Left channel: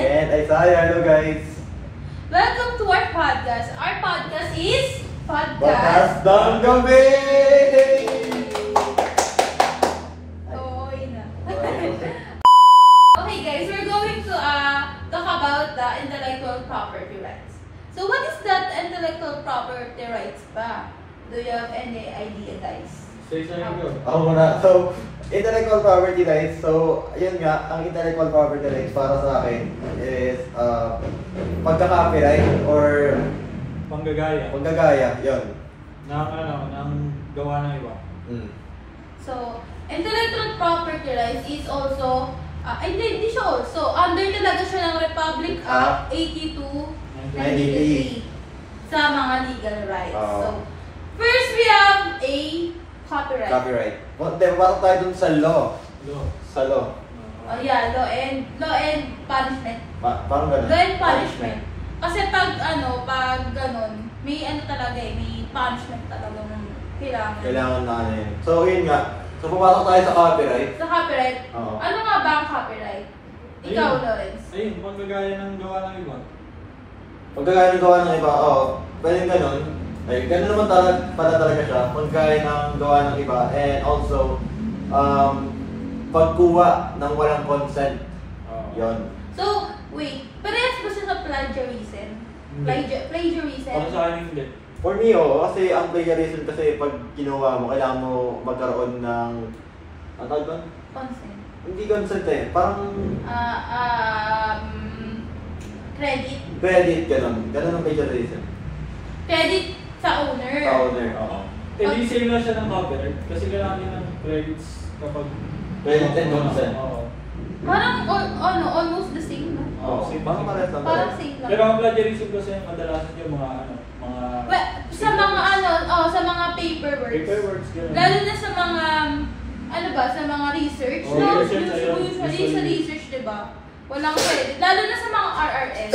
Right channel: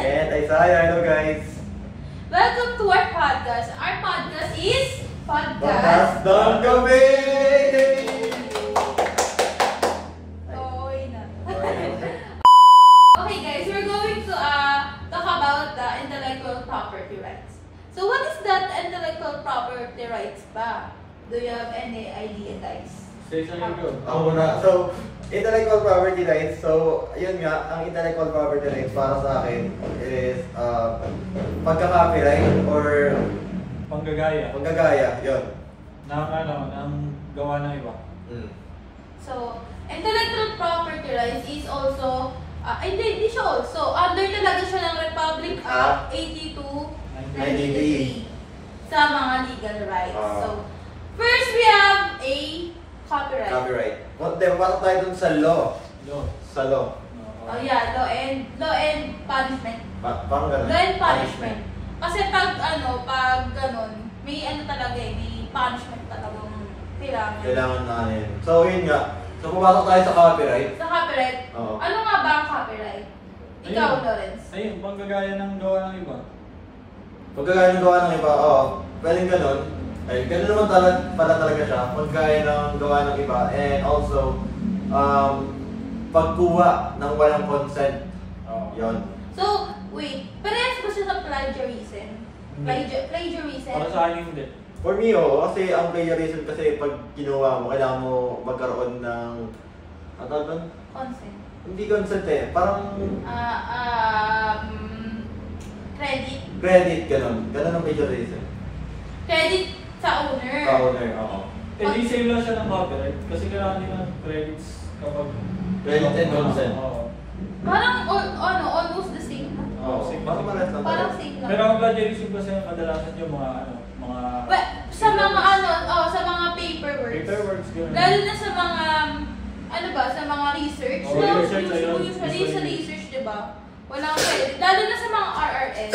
And Isaiah, hello guys! Welcome to our podcast. Our podcast is Podcast ng Gabi! Okay na. Okay guys, we're going to talk about the intellectual property rights. So what is that intellectual property rights ba? Do you have any idea guys? Ako muna. So, intellectual property rights. So, yun nga, ang intellectual property rights para sa akin is pagka-copyright or panggagaya, yun. Ng gawa ng iba. So, intellectual property rights is also, hindi siya also, under talaga siya ng Republic Act 82, 1983 sa mga legal rights. So, first we have a copyright. Pasok tayo dun sa law. Sa law. Oh yeah, law and punishment. Parang ganun. Law and punishment. Kasi pag ganun, may talaga may punishment talaga ng kailangan. Kailangan na ano yun. So yun nga. So pumasok tayo sa copyright. Sa copyright, Oo. ano nga ba ang copyright? Ikaw, Lawrence. Ayun, panggagaya ng gawa ng iba. Pagkagaya ng gawa ng iba, pwedeng ganun. Ay, ganun naman pala talaga siya. Pagkaya ng gawa ng iba. And also, pagkuha ng walang consent. Yon. So, wait, parehas ba siya sa plagiarism? Plagiarism? Para sa akin hindi. For me, kasi ang plagiarism kasi pag kinuha mo, kailangan mo magkaroon ng, ano tawag doon? Consent. Hindi consent eh. Parang Credit. credit, ganun. Ganun ang plagiarism. Credit sa owner. Sa owner, oo. Hindi same lang siya ng copyright kasi kailangan din ng credits kapag Credit and consent. Parang almost the same, no? Oo, same. parang parehas lang. Parang same lang. Pero ang plagiarism kasi kadalasan yung mga But, sa mga sa mga paperworks. Ganun. Lalo na sa mga sa mga research. Oh, No? research, Usually sa research, 'di ba? Walang credit. Lalo na sa mga RRL.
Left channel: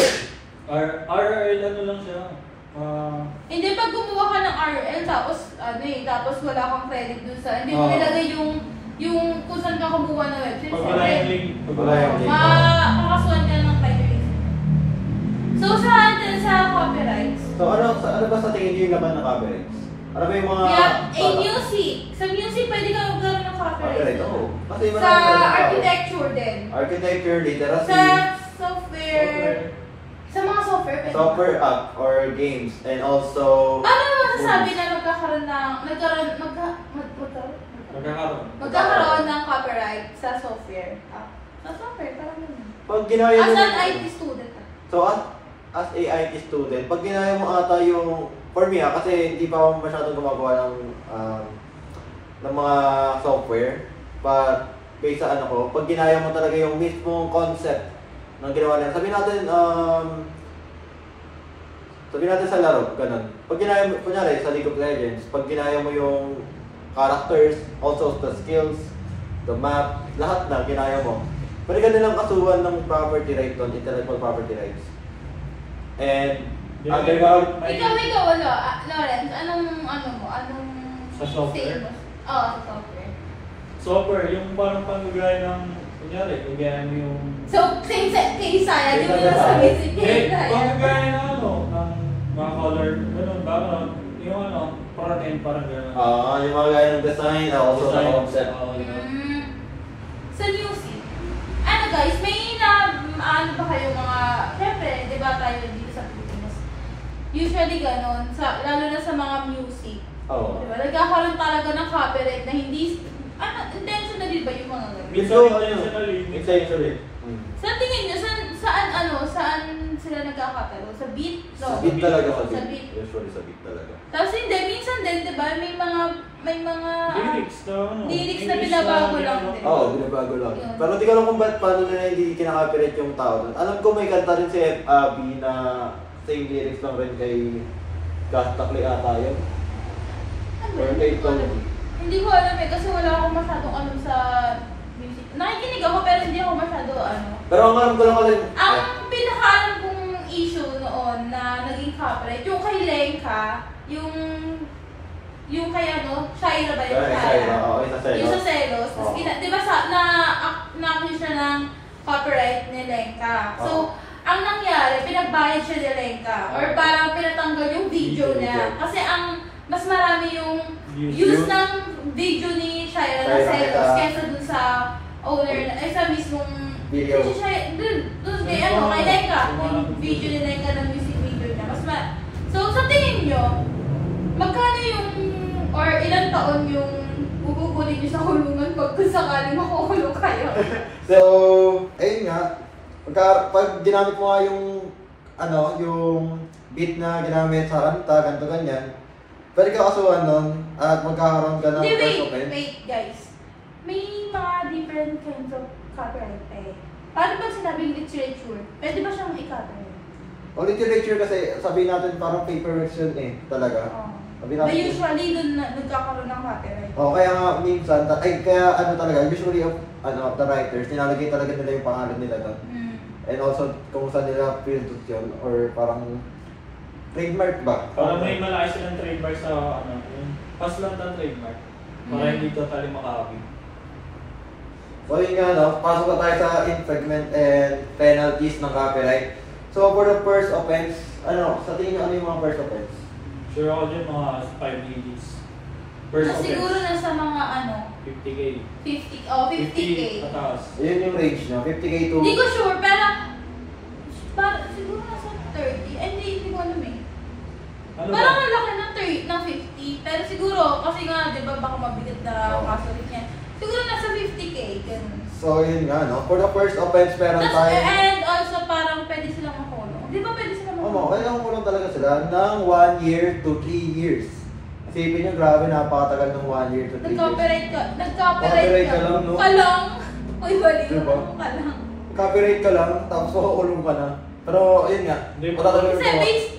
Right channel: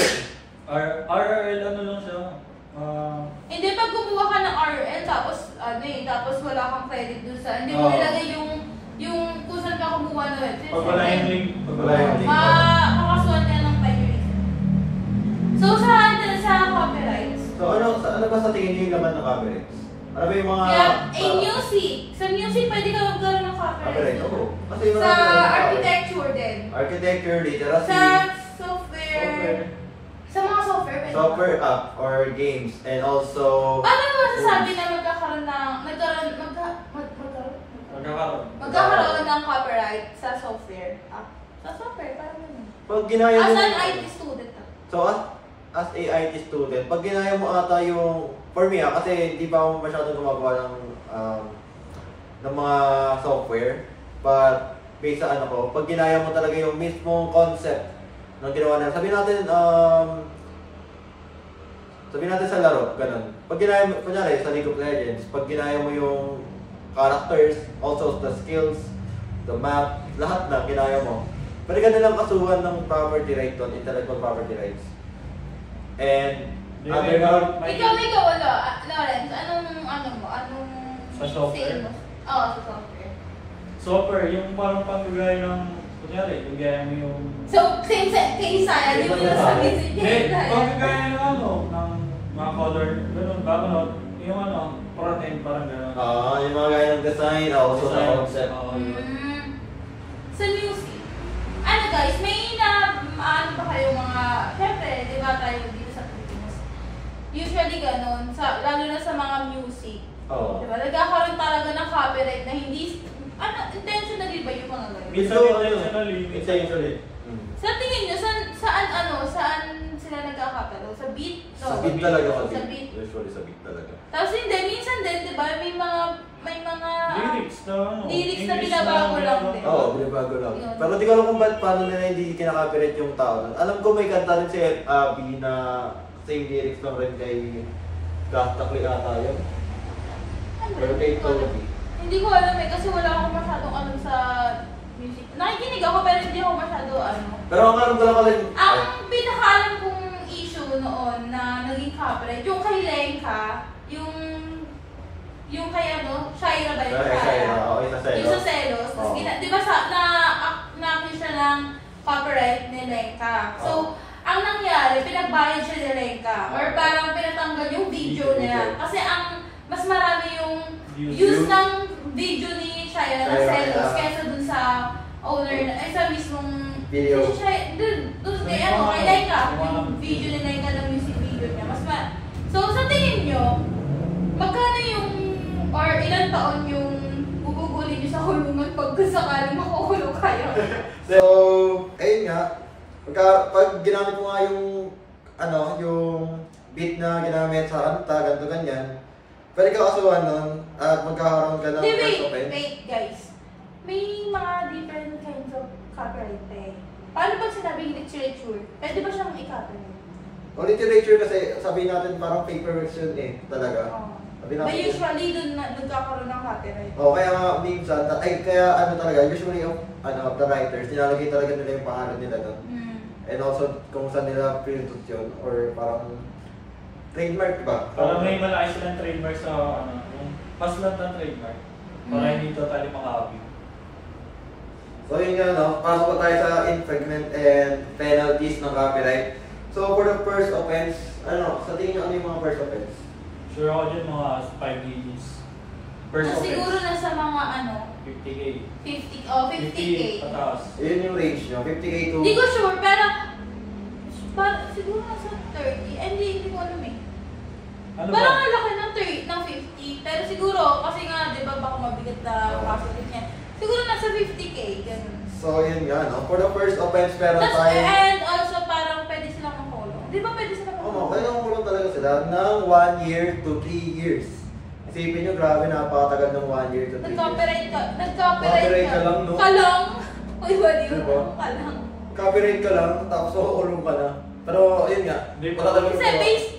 RRL ano lang siya. Hindi, pag gumawa ka ng RRL tapos tapos wala kang credit dun sa, hindi mo nilagay yung kung saan ka kumuha ng website. Pag wala yung link. Makakasuhan ka ng plagiarism. So sa copyrights. So ano ba sa tingin niyo yung laman ng copyrights? Ano ba yung mga... music. Sa music, pwede ka magkaroon ng copyright. Oo. Kasi Sa marami architecture din. Architecture, literacy. Sa software. Sa mga software, pwede. Software app or games. And also... Paano mo masasabi na magkakaroon ng copyright sa software app? Sa software, parang yun. Pag ginaya mo... As an IT student. So as a IT student, pag ginaya mo ata yung... For me kasi hindi pa ako masyadong gumagawa ng mga software. But based sa pag ginaya mo talaga yung mismong concept ng ginawa nila. Sabihin natin sa laro, ganun. Pag ginaya mo, kunyari sa League of Legends, pag ginaya mo yung characters, also the skills, the map, lahat na ginaya mo. Pwede ka nilang kasuhan ng property right doon, intellectual property rights. And Ikaw, Lawrence, anong Sa software? Sa software. Software, yung parang panggagaya ng kunyari, kagaya mo yung... So, same set kay Isaiah, di mo na sabi si panggagaya ng ng mga color, ganun, background, yung parating, parang gano'n. yung mga gaya ng design, also the concept. Sa music, guys, may ba kayo mga, syempre, di ba tayo dito sa Pilipinas? Usually ganun, lalo na sa mga music. Di ba? Nagkakaroon talaga ng copyright na hindi, intentionally ba yung mga ganun? Intentionally. Sa tingin nyo, saan sila nagkakatalo? Sa beat? Sa beat talaga, Sa beat. Usually sa beat talaga. Tapos hindi, minsan din, di ba, may mga Lyrics lyrics na binabago lang din. Oo, binabago lang. Pero di ko alam kung paano nila hindi kinaka-copyright yung tao. Alam ko may kanta rin si Abby na same lyrics lang rin kay Gastakli ata yun. Or kay Toby. Hindi ko alam kasi wala akong masyadong sa music. Nakikinig ako pero hindi ako masyado Pero ang alam ko lang ang pinakaalam kong issue noon na naging copyright, yung kay Lenka, yung kay Shaira ba yun? Shaira, okay, sa Celos. Yung sa Celos. Tapos, di ba na-accuse siya ng copyright ni Lenka. So, ang nangyari, pinagbayad siya ni Lenka. Or parang pinatanggal yung video niya. Kasi ang mas marami yung views ng video ni Shira na Celos kaysa dun sa owner, ay sa mismong video. Dun kay Lenka, yung video ni Lenka ng music video niya. So, sa tingin nyo, magkano yung, or ilang taon yung gugugulin nyo sa kulungan pag sakaling makukulong kayo? So, ayun nga, pag ginamit mo nga yung, yung beat na ginamit sa kanta, ganito ganyan, pwede ka kasuhan nun at magkakaroon ka ng first offense. Wait guys. May mga different kinds of copyright eh. Paano ba sinabing literature? Pwede ba siyang i-copyright? O literature kasi sabihin natin parang paperwork yun eh, talaga. Sabihin But natin, usually dun nagkakaroon ng copyright. kaya nga minsan, kaya talaga, usually the writers, nilalagay talaga nila yung pangalan nila doon. And also kung saan nila pinutut yun, or parang trademark ba? Para may malaki silang trademark sa yung paslang ng trademark. Para hindi totally makahabi. So yun nga, pasok pa tayo sa infringement and penalties ng copyright. So for the first offense, sa tingin nyo ano yung mga first offense? Sure ako dyan mga 5 minutes. First So, siguro offense. nasa mga 50K. 50K. Pataas. Yun yung range nyo, 50K to... Hindi ko sure, pero siguro nasa 30. Hindi ko alam eh. Ano Parang ba? ang laki ng 50. Pero siguro, kasi nga, di ba baka mabigat na kaso niya. Siguro nasa 50K, ganun. So yun nga, for the first offense, meron tayo... And also, parang pwede silang makulong. Di ba pwede silang makulong? kailangan ko lang talaga sila ng 1 year to 3 years. Isipin nyo, grabe, napakatagal ng 1 year to 3 years. Nag-copyright Copyright ka. ka lang, no? Kalong. Uy, wali Diba? mo. Kalang. Copyright ka lang, tapos makukulong ka na. Pero, ayun nga, Hindi wala talaga Kasi gawa. based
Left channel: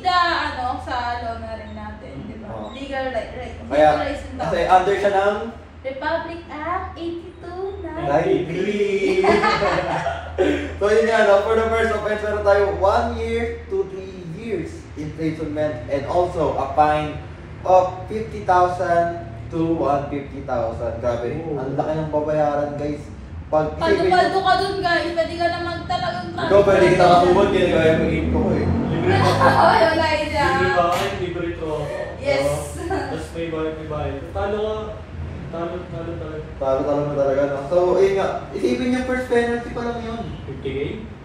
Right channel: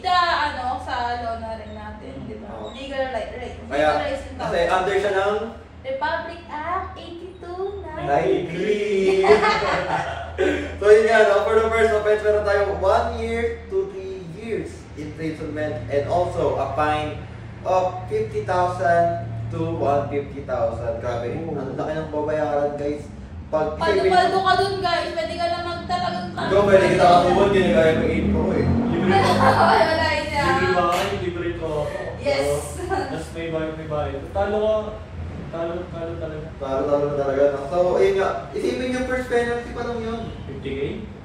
sa law na rin natin, di ba? Oo. Legal right. Kaya, Legalizing law. kasi under siya ng Republic Act 82. 93. So yun nga, for the first offense, meron tayo 1 year to 3 years imprisonment and also a fine of 50,000 to 150,000. Grabe, ang laki ng babayaran, guys. Paldo ka dun guys, pwede ka naman talagang Ikaw, pwede kita kasumod, ginagaya mo yung ko eh. Libre ba? Wala yun sila. Libre ba kayo? Libre ito. Yes. Tapos may bayad. Talo ka. Talo talaga. Talo na talaga, no? So, ayun nga, isipin niyo first penalty pa lang yun. 50K?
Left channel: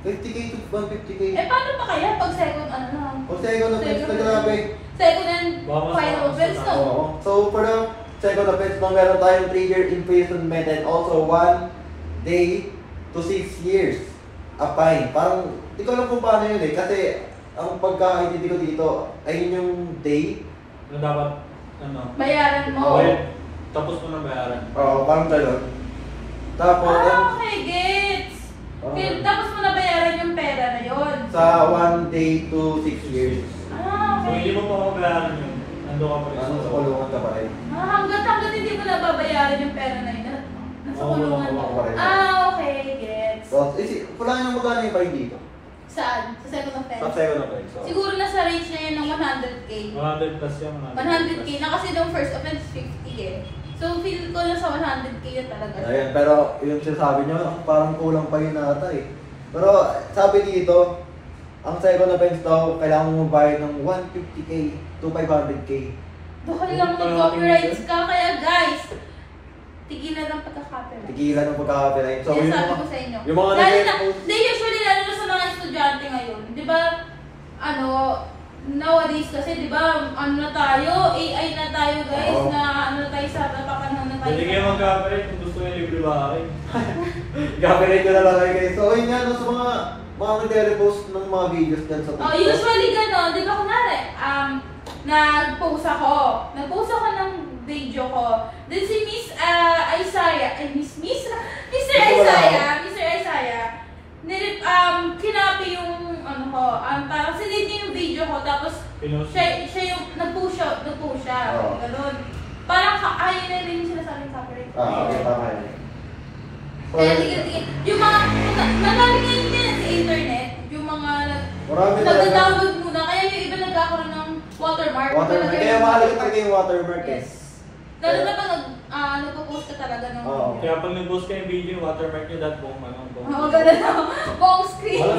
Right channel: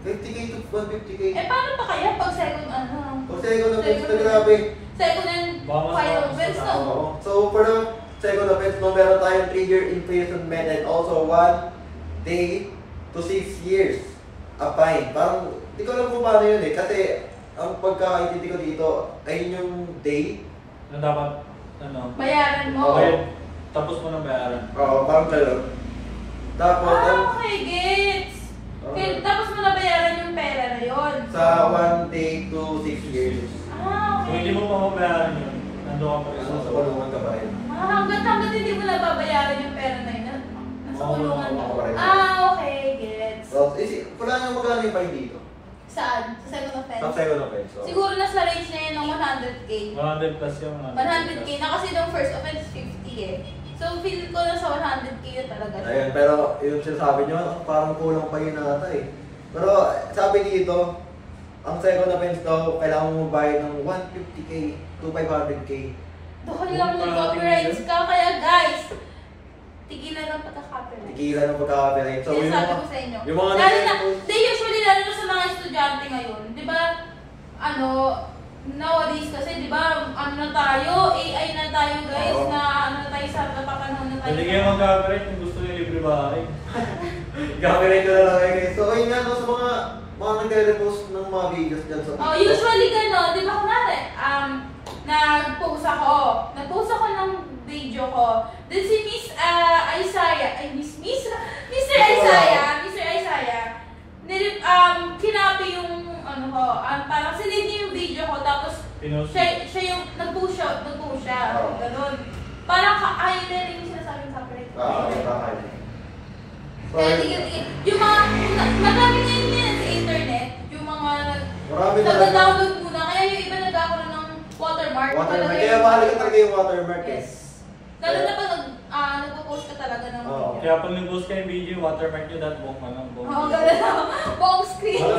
50K to 150K. Paano pa kaya pag second na? O second offense na grabe. Second and Baka mas final mataas offense na. no? Oo. So, for the second offense, meron tayong 3-year imprisonment and also 1 day to 6 years a fine. Parang, di ko alam kung paano yun eh. Kasi, ang pagkakaintindi ko dito, ay yun yung day. Na dapat, Bayaran mo. bayad. Tapos mo nang bayaran. Oo, parang gano'n. Tapos, Okay, gets. Tapos mo nabayaran yung pera na yun. sa 1 day to 6 years. Kung Okay. hindi mo pa mabayaran yun, nando ka pa rin Ano, sa kulungan ka pa rin. Hanggat hindi mo nababayaran yung pera na yun. Nasa Oo, kulungan wala mo. pa rin. Okay, gets. So, wala nang magkano yung fine dito. Saan? Sa second Sa offense? second offense. So, Siguro nasa range na yun ng 100K. 100 plus yung 100K na kasi yung first offense 50 eh. So feel ko na sa 100K yun talaga. ayun, pero yung sinasabi nyo, parang kulang pa yun nata eh. Pero sabi dito, ang second offense daw, kailangan mo magbayad ng 150K to 500K. Dahil lang nag-copyrights ka, kaya guys, tigilan ng pagka-copyright. Tigilan ng pagkakapirain. So, Yan yung sabi mga, ko sa inyo. yung mga Lalo na, nag-post, hindi usually lalo na sa mga estudyante ngayon. Di ba, nowadays kasi, di ba, na tayo, AI na tayo guys, Oo. na tayo sa napapanahon na tayo. Pwede kayo mag-copyright kung gusto nyo libre bahay. copyright ko na lang kayo guys. So, ayun nga, no, sa mga nagre-repost ng mga videos dyan sa Oh, TikTok. usually gano'n, di ba kunwari, nag-post ako ng video ko. Then si Miss Isaiah, Mr. Isaiah, kinapi yung parang sinid niya yung video ko, tapos Pinost. siya yung nag-push siya, Oo. gano'n. Parang ayaw na rin sila sa akin copyright. Tama yun. So, Kaya tigil-tigil. Yung mga, madami ngayon yan sa internet, yung mga marami talaga. nag-download muna, kaya yung iba nagkakaroon ng watermark. Watermark. Kaya mahalaga talaga yung watermark eh. Yes. Lalo na pag nagpo-post ka talaga ng Oo. video. Kaya pag nag-post ka ng video, watermark nyo that buong ano. Oo, ganun na. Buong screen. Alam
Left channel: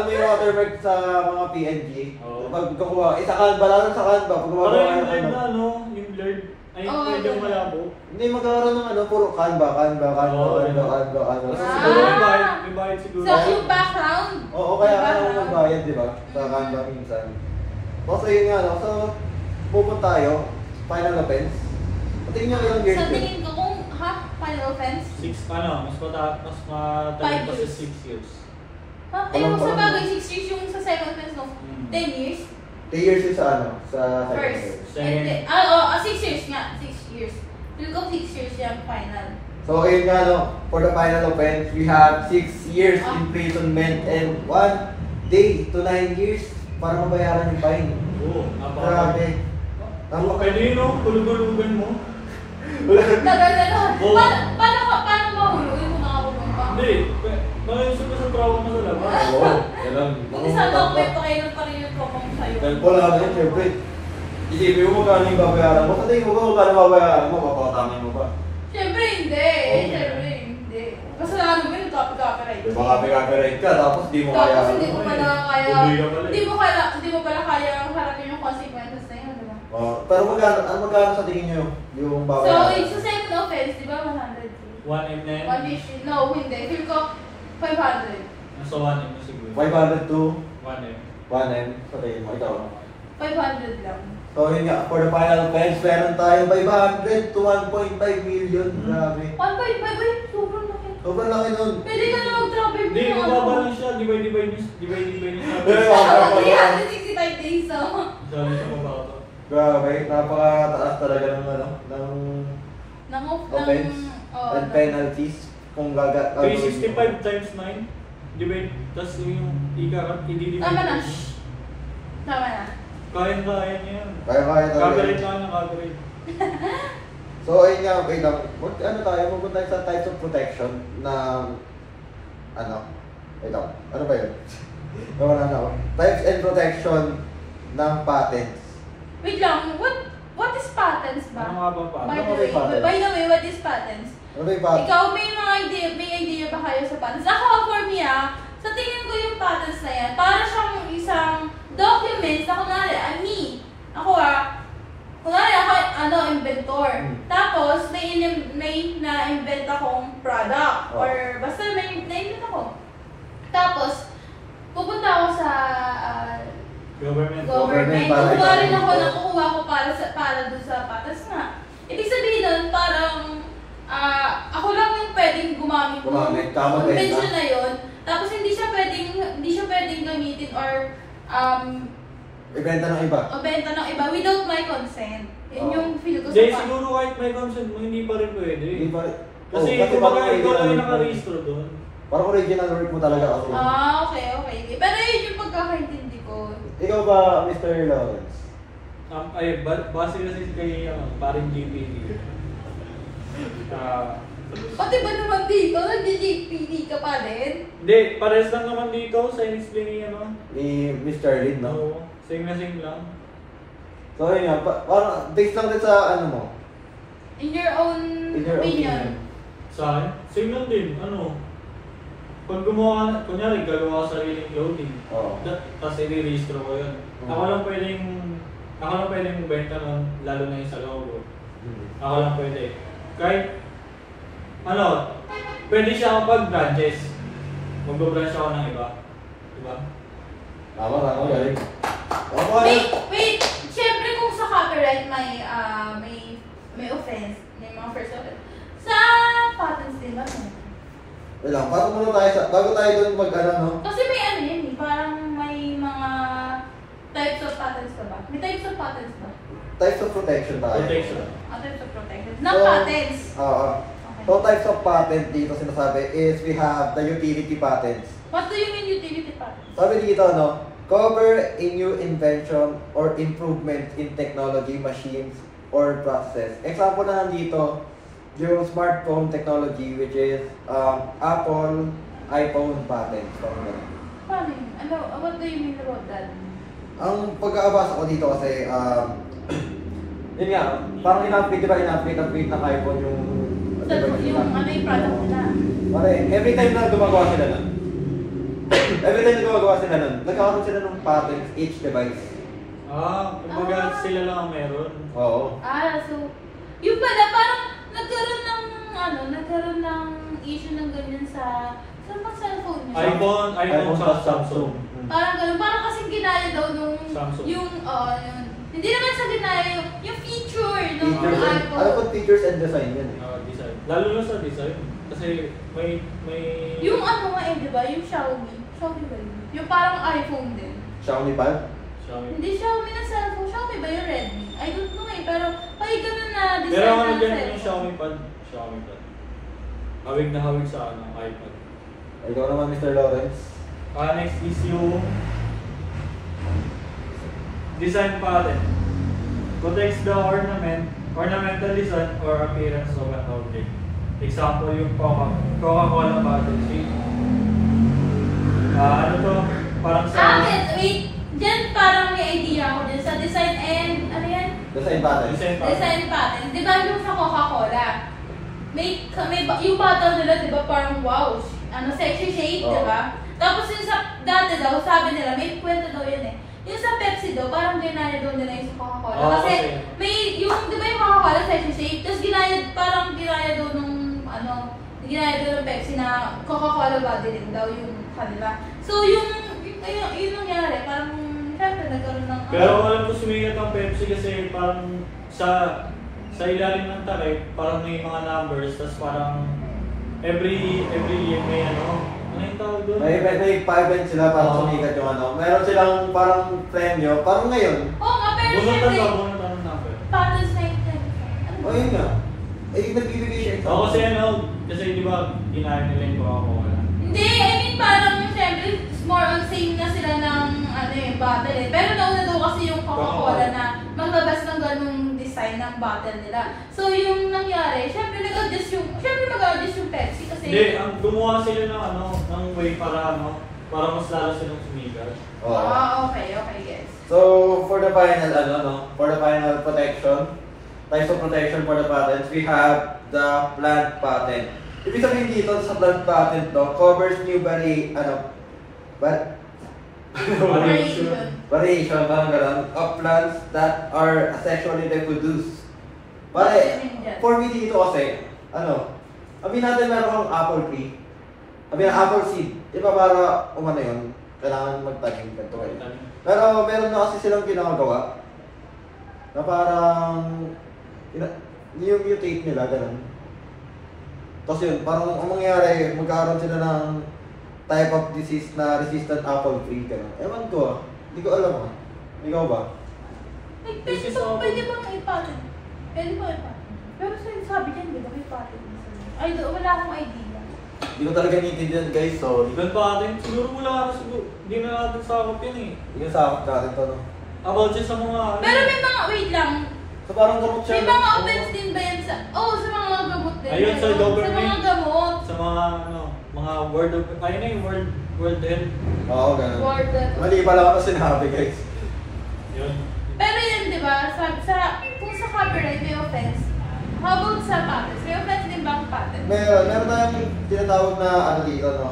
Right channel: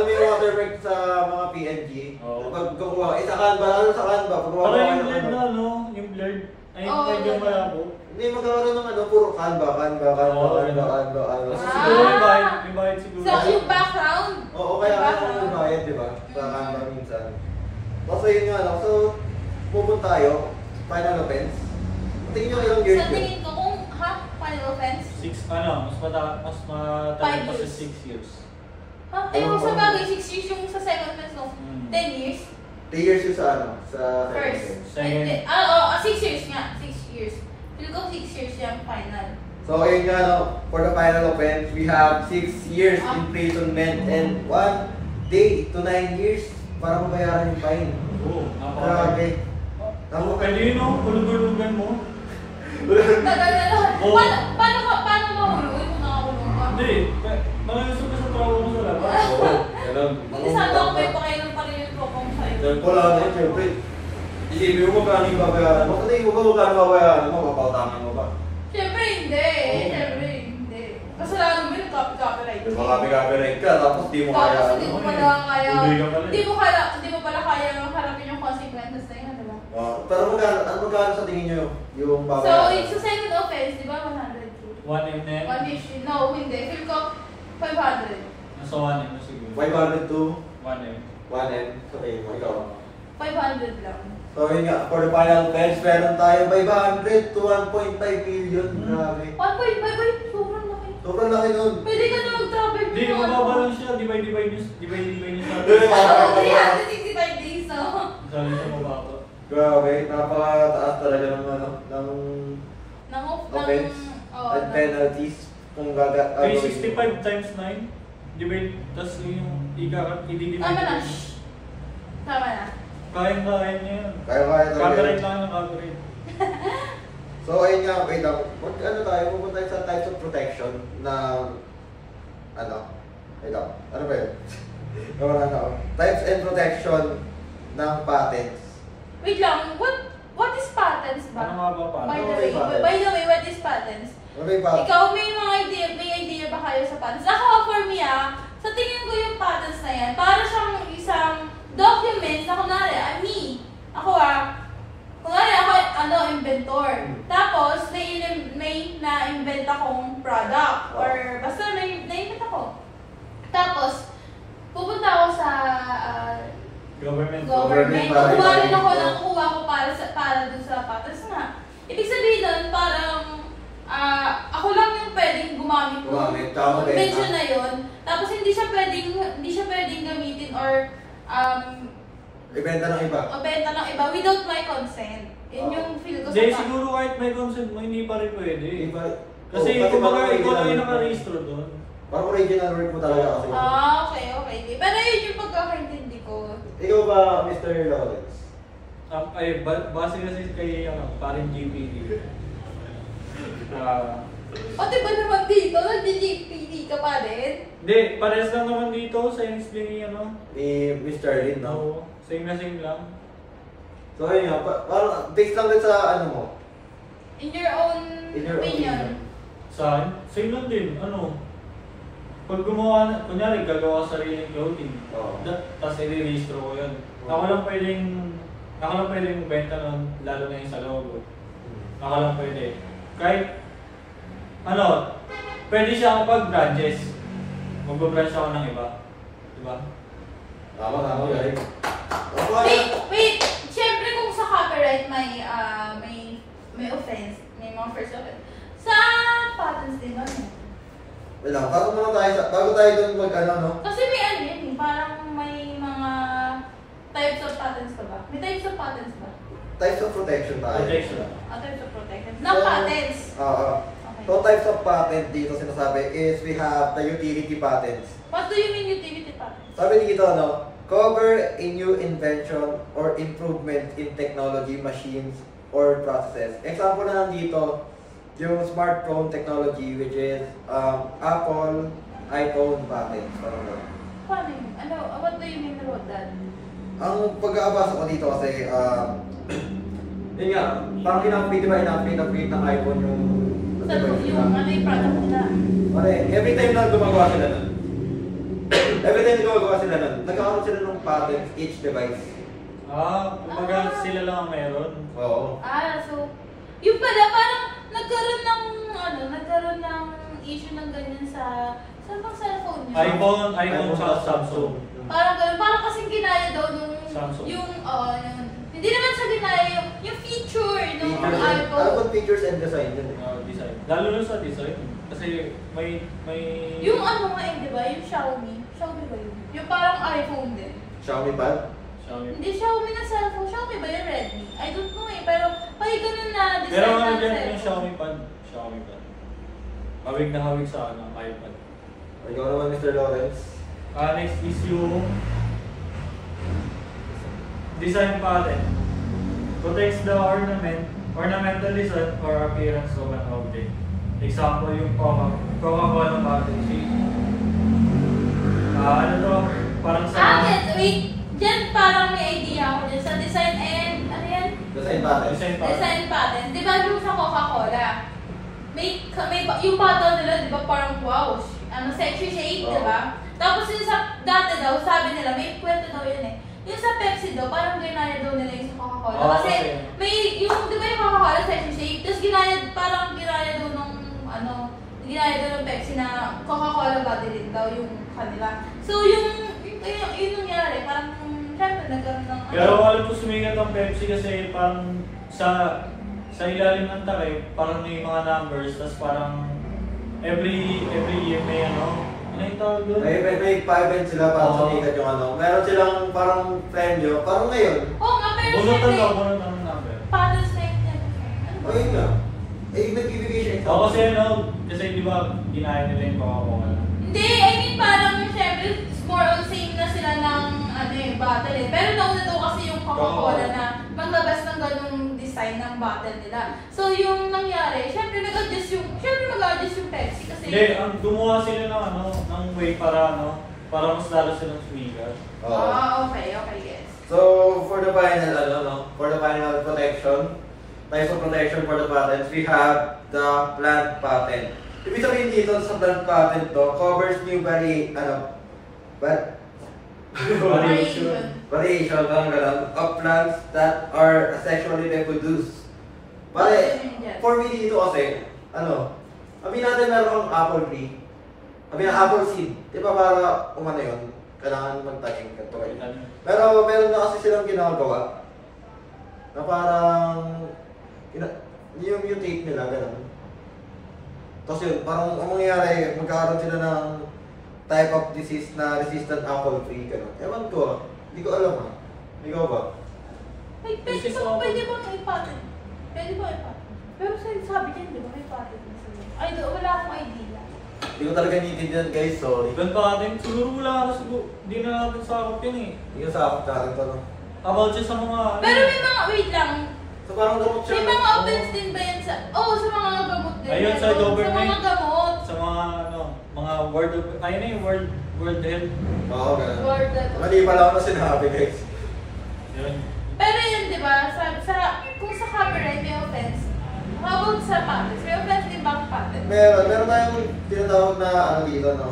mo yung watermark sa mga PNG? Oo. Pag kukuha, sa Canva, lalo sa Canva, pag Parang gumagawa yung ng blurred ano. na, no? Yung blurred. Ay, Oo, medyo ganun. malabo. Hindi, magkakaroon ng ano, puro Canva. Oo, Ano. Kasi Ah. siguro may bayad siguro. Sa yung background. Oo, kaya Yung ako background. nagbayad, di ba? Sa Canva minsan. So yun nga, no? So, pupunta tayo, final offense. Tingin nyo ilang years Sa yun? tingin ko kung, final offense? Mas matagal pa 5 sa years. 6 years. Ha? Ayun, sa Parang- bagay, 6 years yung sa second offense, no? 10 years? 3 years yun sa ano? Sa second First. offense. Second. Hindi. Oo, 6 years nga. 6 years. Feel ko 6 years yung final. So ayun nga, no? For the final offense, we have 6 years Ah. imprisonment and 1 day to 9 years para mabayaran yung fine. Oo, Grabe. Pwede yun, no? Kulugulugan mo. Tagal na lang. Oo. Paano mahulog? Kung nakahulog ka? Hindi, malayusog ka sa trabaho mo sa labas. Oo, ganun. Hindi sana ako may pakailan pa rin yung kokong sa'yo. Dahil wala na yun, syempre. Isipin mo magkano yung babayaran mo. Sa tingin mo ba magkano mabayaran mo? Papatangin mo ba? Siyempre hindi. Oo. Siyempre hindi. Kasalanan mo yun, copyright. Baka copyright ka, tapos di mo kaya. Tapos hindi mo pala kaya, Tuloy ka pala eh. hindi mo pala kaya harapin yung consequences na yun, di ba? Pero magkano sa tingin nyo yung So, babayaran? sa second offense, di ba 100K? 1M na yan. 1 issue. No, hindi. Feel ko 500. Nasa 1M na siguro. 500 to 1M. 1M. Sa tingin mo, ikaw. 500 lang. So yun nga, for the final offense, meron tayo 500 to 1.5 million. Grabe. 1.5, ay, sobrang laki. Sobrang laki nun. Pwede ka na mag-travel Hindi, mo, mababa lang siya. Divide nyo sa Eh, 365 days, no? Sabi siya mababa. Grabe, napakataas talaga ng ano, ng offense and penalties kung gagat. 365 times 9. Divide, tapos yung i-divide. Tama na. Tama na. Kaya niya yan. Kaya talaga. Copyright lang ng copyright. So ayun nga, wait lang. Ano tayo, pupunta tayo sa types of protection ng ano? Wait lang. Ano ba yun? Naman ako. Types and protection ng patents. Wait lang, what is patents Ano ba? nga ba pa? Ano ba yung patents? By the way, what is patents? Ano ba yung patents? Ikaw, may idea ba kayo sa patents? Ako, for me sa tingin ko yung patents na yan, para siyang isang document na kunwari, ako kunwari ako, inventor. Tapos, may na-invent akong product. Oh. Or basta may na-invent ako. Tapos, pupunta ako sa Government. government. para Kukuha rin itayo ako mo. ng kukuha ko para dun sa patents nga. Ibig sabihin nun, parang ako lang yung pwedeng gumamit Gumamit, tama ba yun, invention ha? na yun. Tapos hindi siya pwedeng gamitin or Ibenta ng iba. o benta ng iba without my consent. Yun Oo. yung feel ko Hindi, sa siguro kahit may consent mo, hindi pa rin pwede. Hindi pa. Kasi Oh, kumbaga parang ikaw lang yung original work mo. nakarehistro doon. Parang original work mo talaga kasi. Okay. Pero yun yung pagkakaintindi ko. Ikaw ba, Mr. Lawrence? Base kasi kay paring GPD. O diba naman dito, nag-JPD ka pa din? Hindi, pares lang naman dito sa explain Ni Mr. Lin, no? No, sing na sing lang. So ayun nga, parang based lang din sa ano mo. In your own In your opinion. Sa akin, same lang din. Pag gumawa, kunyari gagawa ka sariling clothing, Oo. tapos i-registro ko yun. Ako lang pwedeng benta nun, lalo na yung sa logo. Ako lang pwede. Kahit, pwede siya kapag branches. Mag-branch ako ng iba. Diba? Tama, galing. Wait! Siyempre kung sa copyright may offense, may mga first offense. Sa patents din ba? Wait lang, bago tayo doon mag-ano, no? Kasi may yun eh, parang may mga types of patents pa ba? May types of patents ba? Types of protection tayo. Protection. Types of protection. Not patents. Oo. So types of patent dito sinasabi is we have the utility patents. What do you mean utility patents? Sabi dito, no? Cover a new invention or improvement in technology, machines, or processes. Example na nandito, yung smartphone technology which is Apple iPhone patent. Paano yun? What do you mean about that? Ang pagkakabasa ko dito kasi Yun nga, parang in-update, di ba? In-update ng iPhone yung device nila. Yung ano yung product nila. Pare, every time na gumagawa sila nun, nagkakaroon sila ng patents each device. Kumbaga sila lang ang meron. Oo. So, yung pala, parang nagkaroon ng issue ng ganyan sa mga cellphone niyo. iPhone sa Samsung. Parang ganun, parang kasi ginaya daw Samsung. hindi naman sa ginaya yung feature ng Features and, iPhone. ano pang features and design yun eh. Design. Lalo na sa design. Kasi may... Yung ano nga di ba? Yung Xiaomi ba yun? Yung parang iPhone din. Xiaomi ba? Xiaomi. Hindi Xiaomi na cellphone. Xiaomi ba yung Redmi? I don't know pero may ganun na design Pero ano ng dyan cellphone. yung Xiaomi Pad? Hawig na hawig sa iPad. Ikaw naman, Mr. Lawrence. Next is yung design pattern. Protects the ornamental design or appearance of an object. Example, yung Coca-Cola bottle shape. Ano to? Parang sa... Wait. Diyan parang may idea ako din sa design and, ano yan? Design pattern. Design pattern. Di ba yung sa Coca-Cola? Yung bottle nila, di ba parang wow, sexy shade, di ba? Tapos yung sa dati daw, sabi nila, may kwento daw yun eh. Yung sa Pepsi daw, parang ginaya daw nila yung sa Coca-Cola. Kasi may, di ba yung Coca-Cola sexy shade, tapos ginaya daw ng Pepsi na Coca-Cola body din daw yung kanila. So yun nangyari, parang syempre nagkaroon ng... Pero alam ko sumigat ang Pepsi kasi parang sa ilalim ng takip, parang may mga numbers, tapos parang every year may ano yung tawag doon? May pa-event sila para sumikat yung ano. Meron silang parang premyo, parang ngayon. Oo nga, pero Bunutan syempre, ng number. patents na yun. O yun nga. Nagbibigay siya ito. Kasi di ba kinaya nila yung Coca-Cola? Hindi, I mean parang syempre, more on same na sila ng bottle eh. Pero nauna daw kasi yung Coca-Cola na maglabas ng ganung design ng bottle nila. So yung nangyari, syempre mag-adjust yung Pepsi kasi... Hindi, gumawa sila ng way para mas lalo silang sumigat. Okay, yes. So, for the final protection, types of protection for the patents, we have the plant patent. Ibig sabihin dito sa plant patent covers new variation, parang ganun, of plants that are asexually reproduced. Pare, for me dito kasi, sabihin natin meron kang apple tree, apple seed, di ba para yun, kailangan magtanim ganito kayo. Pero meron na kasi silang ginagawa na parang mutate nila, ganun. Tapos yun, parang ang mangyayari, magkakaroon sila ng type of disease na resistant apple tree, ganun. Ewan ko hindi ko alam Ikaw ba? Pwede ba may patent? Pero sabi niya, di ba may patent na sila? Wala akong idea. Hindi ko talaga naiintindihan guys, sorry. Doon pa atin, siguro hindi na natin sakop yun eh. Hindi ko sakot natin to, no? About siya sa mga Pero may mga, wait lang, So parang gamot siya. may mga offense din ba yan sa, sa mga gamot din. Ayun, sa government. Sa mga gamot. Sa mga World Health. Oo, ganun. Word. Mali pala ako na sinabi guys. Yun. Pero yun, di ba, kung sa copyright may offense, how about sa patents? May offense din ba ang patent? Meron tayong tinatawag na dito, no?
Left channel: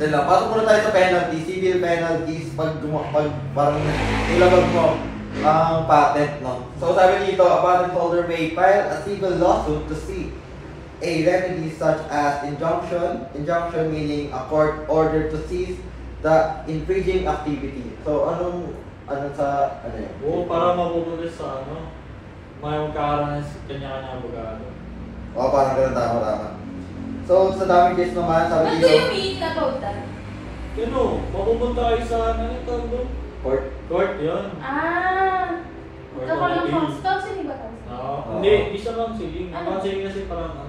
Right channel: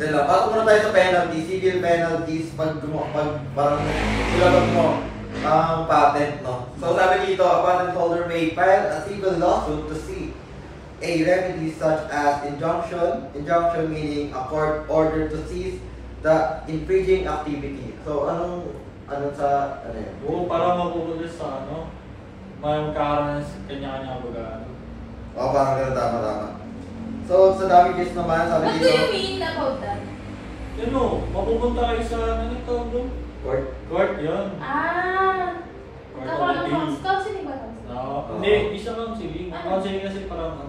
Dahil pasok muna tayo sa penalty, civil penalties, pag parang ilabag mo ang patent, no? So sabi dito, a patent holder may file a civil lawsuit to seek a remedy such as injunction meaning a court order to cease the infringing activity. So anong sa yun? Oo, para mapupunta sa may magkakaroon sa kanya-kanya abogado. Oo, parang ganun, tama. So sa damages naman, sabi What dito, do you mean about that? Mapupunta kayo sa ito doon? Court, yun. Court Ako of ng appeal. counseling ba? Hindi, isa counseling. Counseling kasi parang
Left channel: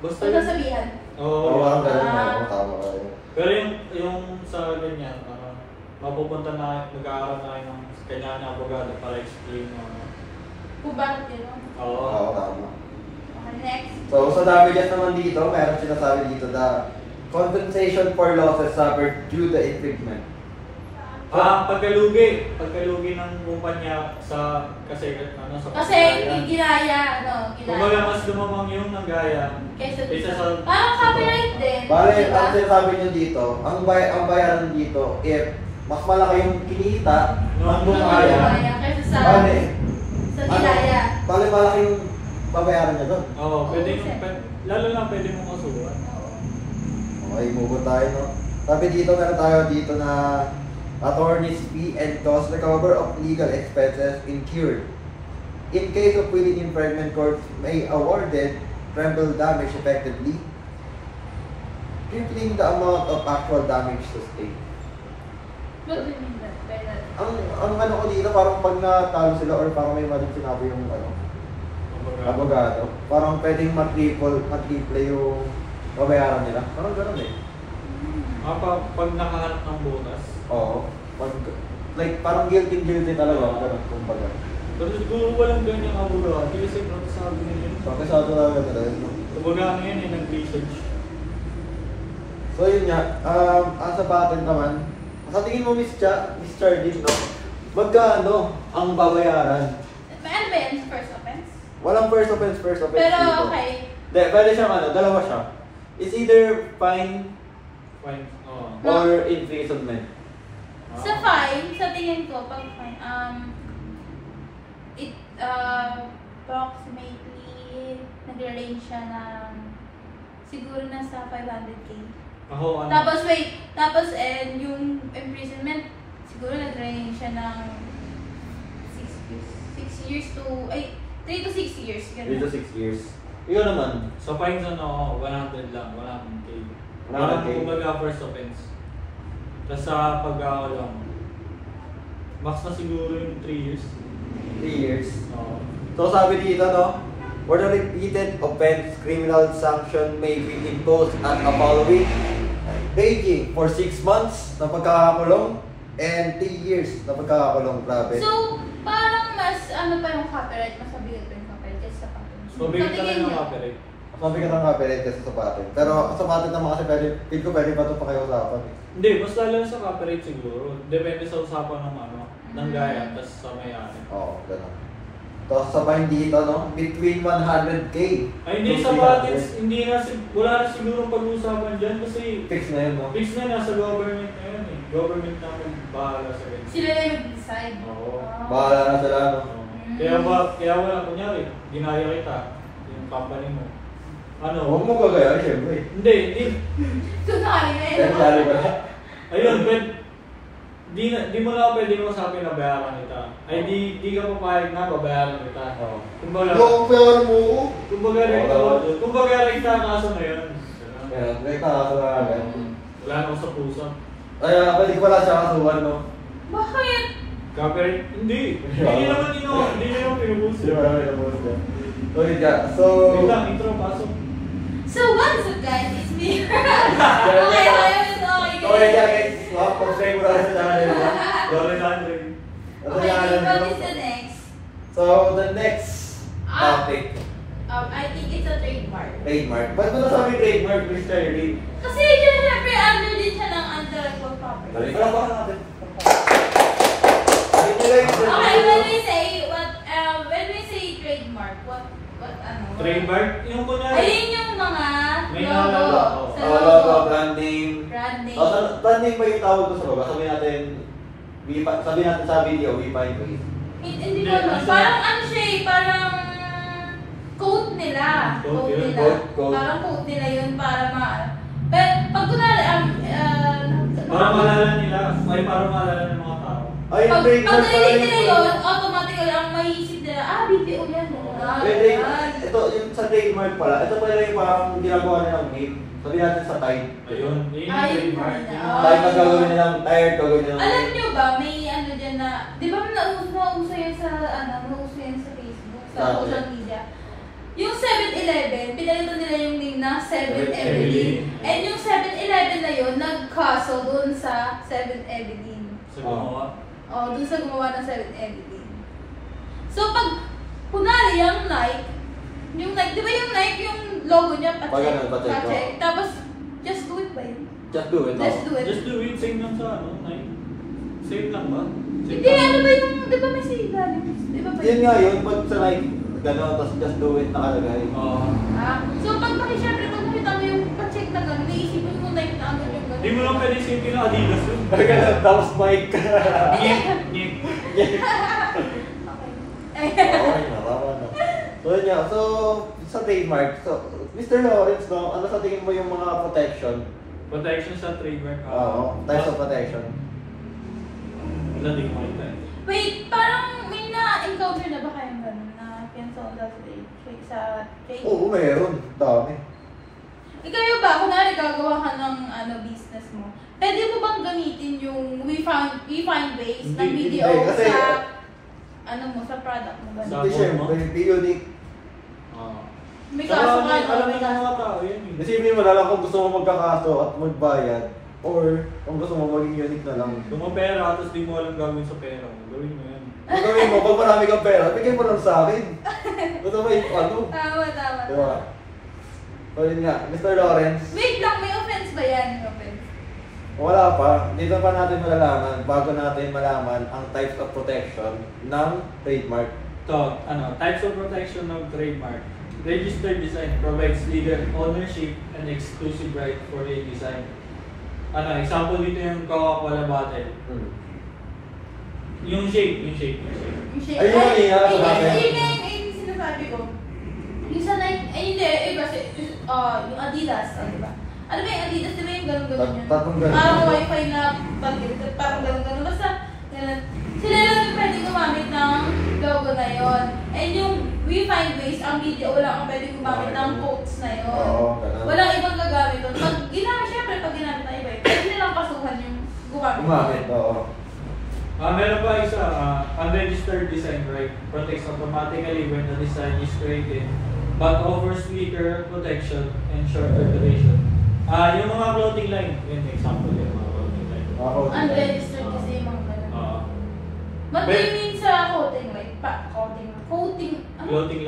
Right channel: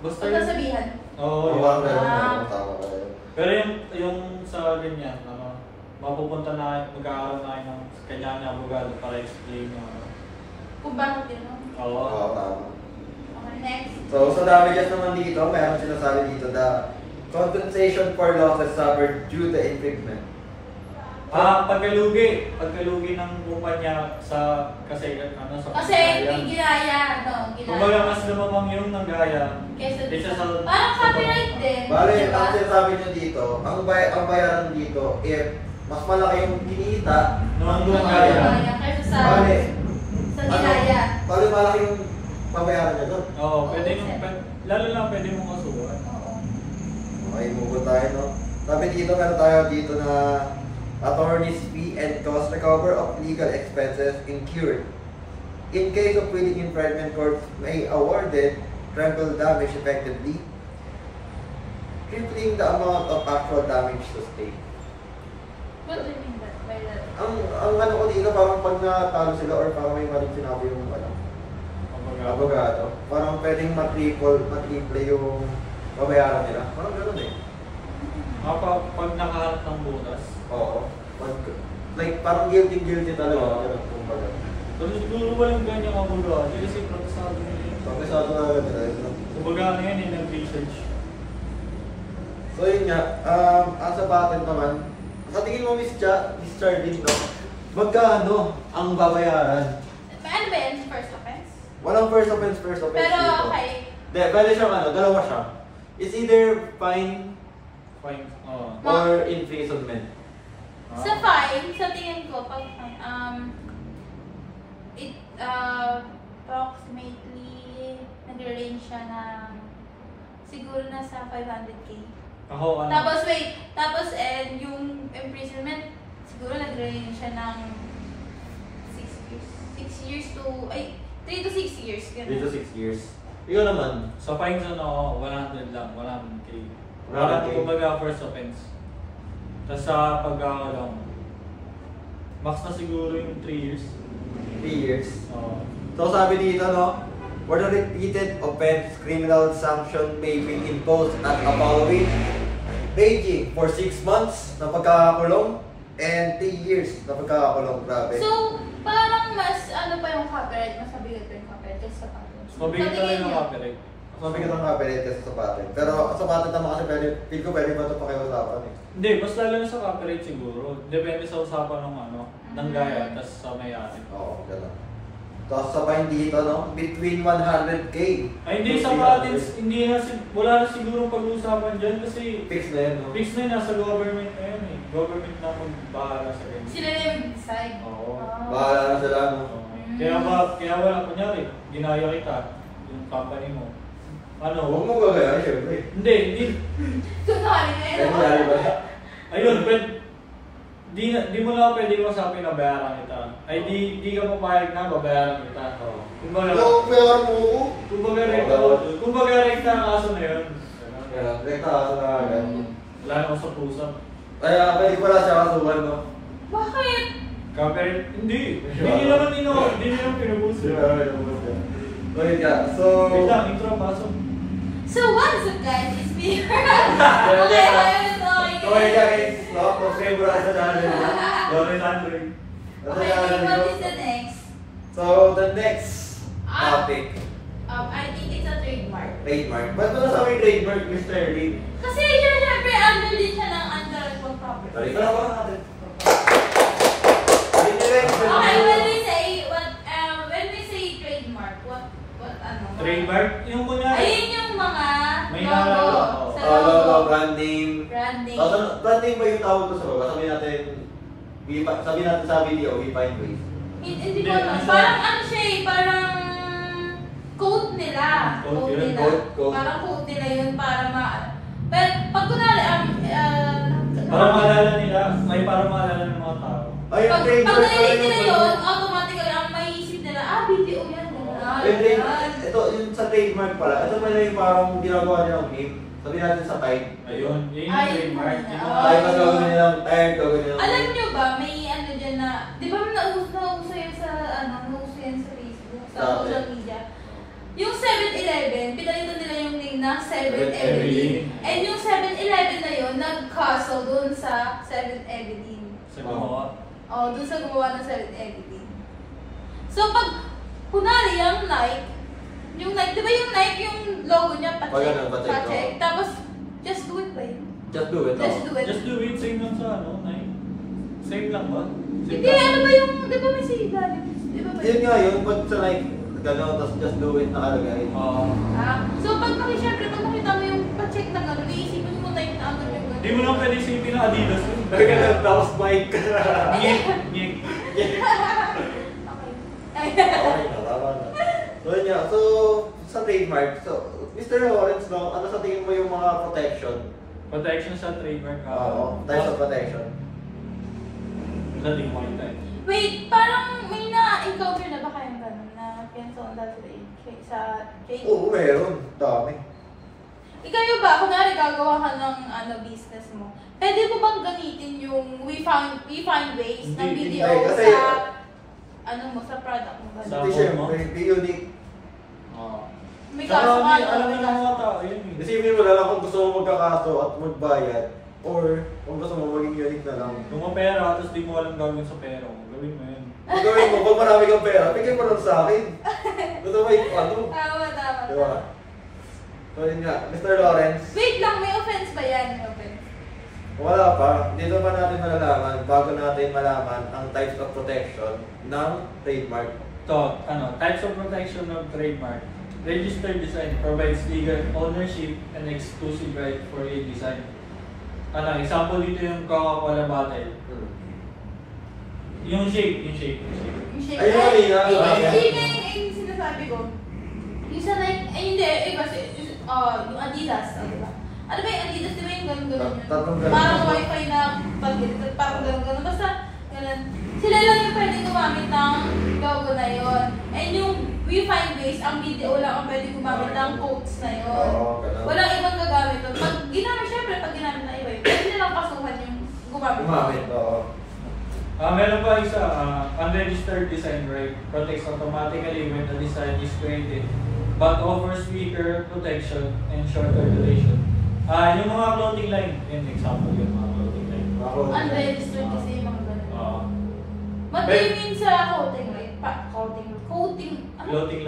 basta yun. Pagkasabihan. Oo, parang yun. ganun, tama kayo. Pero yung sa ganyan, mapupunta na, magkakaroon na kayo ng kanya-kanya abogado para explain yung Kung bakit yun, no? Oo. Oo, tama. Okay, next. So sa damages naman dito, meron sinasabi dito the compensation for losses suffered due to infringement. Pagkalugi ng kumpanya sa kasi ano sa Kasi ginaya, Kumbaga mas lumamang yung nanggaya kaysa sa parang copyright din. Bale, diba? ang sinasabi nyo dito, ang bayaran dito, if mas malaki yung kinita ng gumaya, Kaysa sa bale, ginaya. bale malaki yung pabayaran niya doon. Oo, lalo na pwede mong kasuhan. Okay, move on tayo, no? Sabi dito, meron tayo dito na attorney's fee and cost recover of legal expenses incurred. In case of willing infringement, courts may awarded treble damage effectively, tripling the amount of actual damage to state. What do you mean by that? Ang ano ko dito, parang pag natalo sila or parang may mali sinabi yung abogado, parang pwedeng matriple yung babayaran nila. Parang gano'n eh. Pag nakaharap ng butas. Oo. Like, parang guilty talaga. Ganun, kumbaga. Pero siguro walang ganyan abogado kasi protestado nila yun. Pagkasado talaga talaga. Kumbaga ano yan nag-research. So yun nga, ang sa patent naman, sa tingin mo Miss Charlie, no? Magkano ang babayaran? Ano ba yun? First offense? Walang first offense Pero dito. okay. Hindi, pwede siyang dalawa siya. It's either fine Fine. Oo. or imprisonment. Sa fine, sa tingin ko, pag fine, it approximately nag-range siya ng siguro nasa 500K. Ako ano? Tapos yung imprisonment, siguro nag-range siya ng 6 years to, 3 to 6 years. 3 to 6 years. Yun naman. Sa fines 100 lang, 100K. 100K. Walang kumbaga first offense. Tapos sa pag-aalang, max na siguro yung 3 years. 3 years. Oo. So sabi dito, no? For the repeated offense, criminal sanction may be imposed at the following, ranging for 6 months na pagkakakulong and 3 years na pagkakakulong. Grabe. So, parang mas ano pa yung copyright, mas mabigat pa yung copyright kaysa sa patent. Mabigat Sa talaga tingin yung niyo? copyright. Mabigat ang copyright kasi sa patent. Pero sa patent naman kasi feel ko pwede pa ito pakiusapan eh. Hindi, mas lalo sa copyright siguro. Depende sa usapan ng ng gaya, tapos sa may-ari. Oo, gano'n. Tapos sa fine dito, no? Between 100K. Ay, hindi to sa 300. patents, wala na siguro pag-uusapan dyan kasi Fix na yun, no? fix na yun, nasa government na yun eh. Government na magbahala sa ganyan. Sila na yung mag-decide. Oo. Bahala na sila, no? Oo. Kaya wala, kunyari, ginaya kita, yung company mo. Ano? Huwag mo gagayahin, syempre. Hindi. Kunwari na Kaya mali ba? Ayun, di mo lang pwede massabi na bayaran kita. Ay, di ka papayag na babayaran kita. Oo. Kumbaga, Huwag bayaran mo ako. kumbaga rekta ang kaso na yun. Kaya, rekta ka sa lagan. Wala na ako sa puso. Kaya, pwede ko pala siya kasuhan, no? Bakit? Copyright? Hindi naman pinupuso. Hindi ba namin nabuhin dyan? Okay, ka. So... Wait lang, intro, pasok. So, what's up guys? It's me. Okay, guys. Subscribe mo na sa channel niya. Loren Andre. Sa Okay, channel what niyo. is the next? So, the next topic. I think it's a trademark. Trademark. Ba't mo nasabi trademark, Mr. Lee? Kasi syempre, under din siya ng intellectual property. Balik na ba natin? Balik nila yung Okay, when we say trademark, what ano? Trademark? Yung kunyari. Ayun yung mga May logo. nalala. Sa Logo, brand name. Brand name. Brand name ba yung tawag ko sa baba? Sabi natin sa video, we find ways. Hindi ko alam. Parang ano siya eh, parang code nila. Code yun, code. Parang code nila yun para Pero pag kunwari, Para maalala nila, para maalala ng mga tao. Ay, pag trademark pala narinig nila yung yun, automatically ang maiisip nila, BTO yan. ito, yung sa trademark pala, ito pala yung parang ginagawa nilang name. Sabi natin sa Tide. Ayun, yun yung trademark. Tide, mas gagawin nilang Tide, gagawin nilang Alam nyo ba, may ano dyan na, di ba nauso yun sa, nauso yun sa Facebook, sa Sabi. social media. Yung 7-Eleven, pinalitan nila yung name na 7-Evelyn. 7-Evelyn. And yung 7-Eleven na yun, nag-kaso dun sa 7-Evelyn. Sa gumawa. Dun sa gumawa ng 7-Evelyn. So pag, kunwari yung Nike, di ba yung Nike, yung logo niya, Pag ano, Pacheco. Pacheco. Tapos, just do it ba yun? Just do it, Just no? do it. Just do it, same lang sa Nike. Same lang ba? Same Hindi, ano ba yung, di ba may ilalim? Di ba ba Yun nga yun, pag sa like, gano'n, tapos just do it nakalagay. Oo. So pag syempre kung nakita mo yung pa-check na gano'n, naisipin mo na yung naagad yung gano'n. Hindi mo lang pwede isipin na Adidas yun. Ganun, tapos mic. Ngip, ngip. Okay na, tama na. So, yun nga. So, sa trademark, so, Mr. Lawrence, no, ano sa tingin mo yung mga protection? Protection sa trademark. Oo, types of protection. Wala, di ko makita eh. Wait, parang may na-encounter na ba kayong gano'n na cancel sa trade? Oo, meron. Dami. Kayo ba, kunwari gagawa ka ng business mo, pwede mo bang gamitin yung we find ways ng Hindi, video kasi, sa product mo ba? Sa- Hindi, syempre, be unique. Oo. May Saka, kaso ka, alam may na ng kaso mga ka. tao yun eh. Isipin mo na lang kung gusto mo magkakaso at magbayad, or kung gusto mo maging unique na lang. Kung mo pera, tapos di mo alam gagawin sa pera mo, gawin mo yan. Kung gawin mo, pag marami kang pera, bigay mo lang sa akin. Gusto mo yung ano? Tama. Diba? So yun nga, Mr. Lawrence, Wait lang, may offense ba yan? May offense. wala pa. Dito pa natin malalaman, bago natin malaman ang types of protection ng trademark. So, types of protection of trademark. Registered design provides legal ownership and exclusive right for a design. Example dito yung Coca-Cola bottle. Yung shape. Yung shape. Ayun, Ay, nga, yun sabi. yung sinasabi ko. Yung sa Nike, hindi, iba yung Adidas, diba? Ano ba yung Adidas, diba yung gano'n-gano'n yun? Tapos ganun. Parang wifi na pag-direct, parang gano'n-gano'n. Basta, ganun. Sila lang yung pwede gumamit ng logo na yun. And yung we find ways, ang video, wala kang pwede gumamit ng quotes na yun. Oo, ganun. Walang ibang gagamit doon. Pag ginamit, syempre, pag ginamit ng iba, pwede nilang kasuhan yung gumamit. Gumamit, oo. Meron pa isa, unregistered design right protects automatically when the design is created but offers weaker protection and shorter duration. Yung mga clothing line, yun example yung mga clothing line. Unregistered kasi yung mga ganun. Oo. Matingin sa coating line. Clothing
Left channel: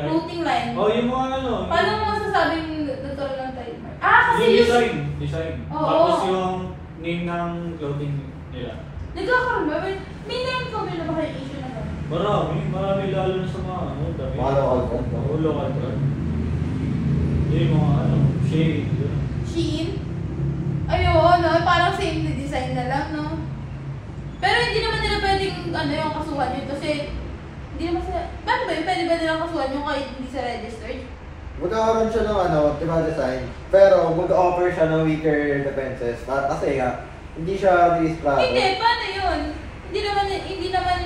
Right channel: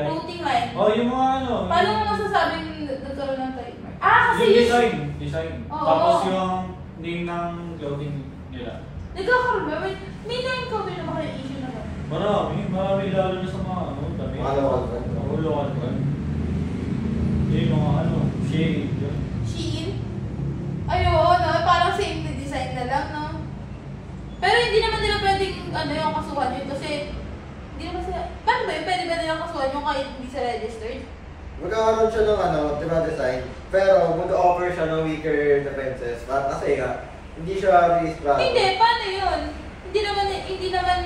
line. Clothing line. Oh, yung mga Paano mo masasabing nagkaroon ng trademark? Kasi yung design. Oo. Tapos yung name ng clothing nila. nagkakaroon ba? May na-encounter na ba kayo issue na gano'n? Marami lalo na sa mga damit. Mga local brand, no? Oo, local brand. Yung mga shade, yun. Shein? Ayun, no? Parang same design na lang, no? Pero hindi naman nila pwedeng yung kasuhan yun kasi hindi naman sila, paano ba yun? Pwede ba nilang kasuhan yung kahit hindi sa registered? Magkakaroon siya ng diba design, pero mag-offer siya ng weaker defenses. Kasi hindi siya registrado. Hindi, paano yun? Hindi naman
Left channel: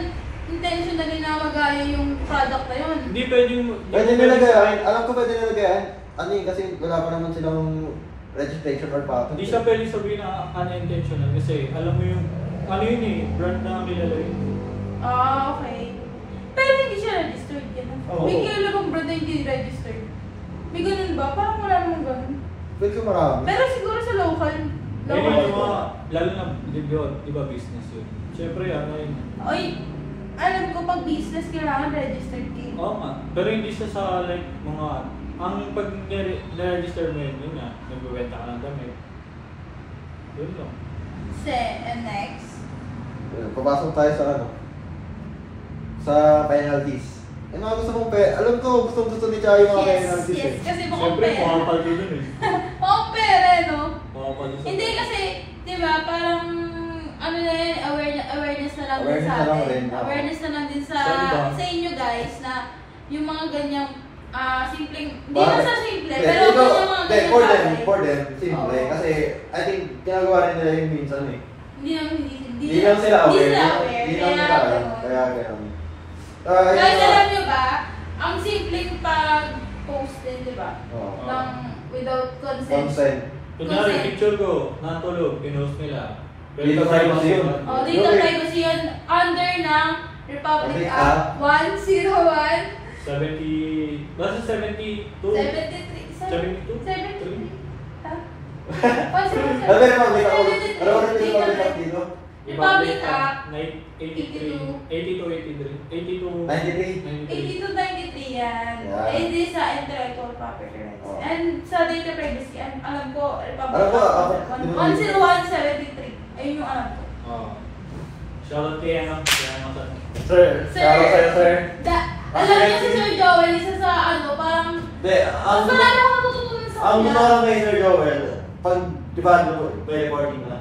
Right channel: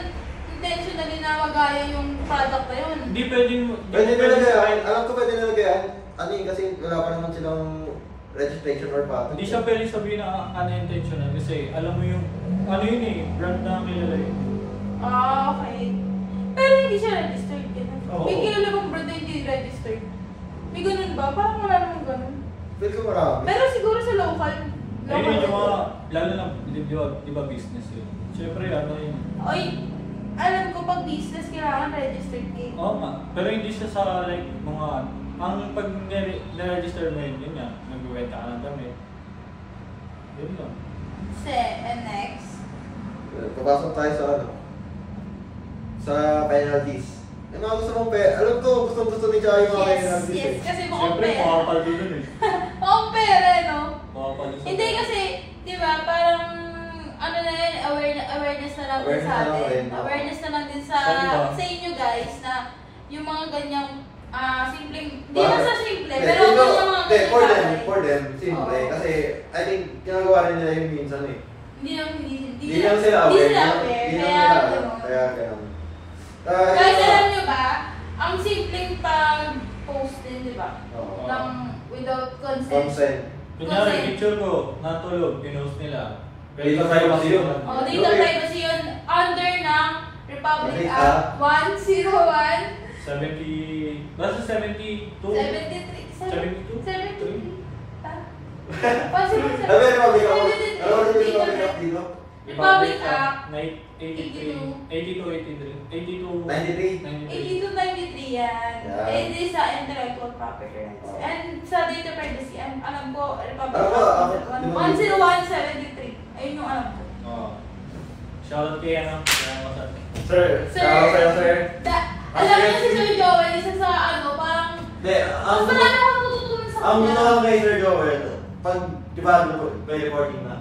intentionally na magaya yung product na yun. Hindi pwedeng... Pwede nila gayahin. Alam ko pwede nila gayahin. Kasi wala pa naman silang registration or patent. Hindi siya pwede sabihin na unintentional kasi alam mo yung brand na kilala yun. Okay. Pero hindi siya registered yan. Oo. May kilala bang brand na hindi registered? May ganun ba? Parang wala namang ganun. Pwede marami. Pero siguro sa local. Ayun yung mga, lalo na, di ba business yun? Siyempre, yun. Oy, alam ko pag business kailangan registered din. Oo nga. Pero hindi siya sa like mga, ang pag na-register mo yun nga, nagbibenta ka ng damit. Yun lang. And next. Papasok tayo sa penalties. Yung mga gusto mong alam ko, gusto ni Chai yung mga penalties. Yes, kasi mukhang Siyempre, pera. makapal din yun eh. Mukhang pera, no? Makapal din sa Hindi kasi, di ba, parang ano na yun, awareness na lang din Awareness sa na lang atin. rin, oo. Awareness na lang din sa Sa iba. inyo guys na yung mga ganyang simpleng, hindi Bakit? na sa simple, Hindi, pero ito, yung mga hindi, ganyang for bagay. them, simple. Oo. Kasi, I think, ginagawa rin nila yung minsan eh. Hindi lang sila aware. Hindi sila aware, Hindi kaya lang nila gano'n. Kaya ganun. Guys, alam nyo ba, ang simpleng pag-post din, di ba? Oo. Ng without consent. Consent. Kunyari, Consent. picture ko, natulog, pinost nila. Dito privacy yun. O, data privacy yun under ng Republic Republic Act 101 70, basta 72? 73. 72? 73. Ha? Ano ba yung Republic Act? Ano ba yung Republic Act dito? Republic Act 83, 82, 83, 82, 93. 8293 yan. Yan. Ay, di sa intellectual property rights. Oh. And sa data privacy, alam ko, Republic Alam ko, Act 10173. Ayun yung alam ko. Oh. Shoutout kay ano, kaya mo sa... Sir, shoutout sa'yo, sir. Alam niyo si Sir Joel, isa sa ano, parang... Hindi, Mas marami ako natutunan sa ang gusto kanya. ko kay Sir Joel, pag, di ba, may recording na.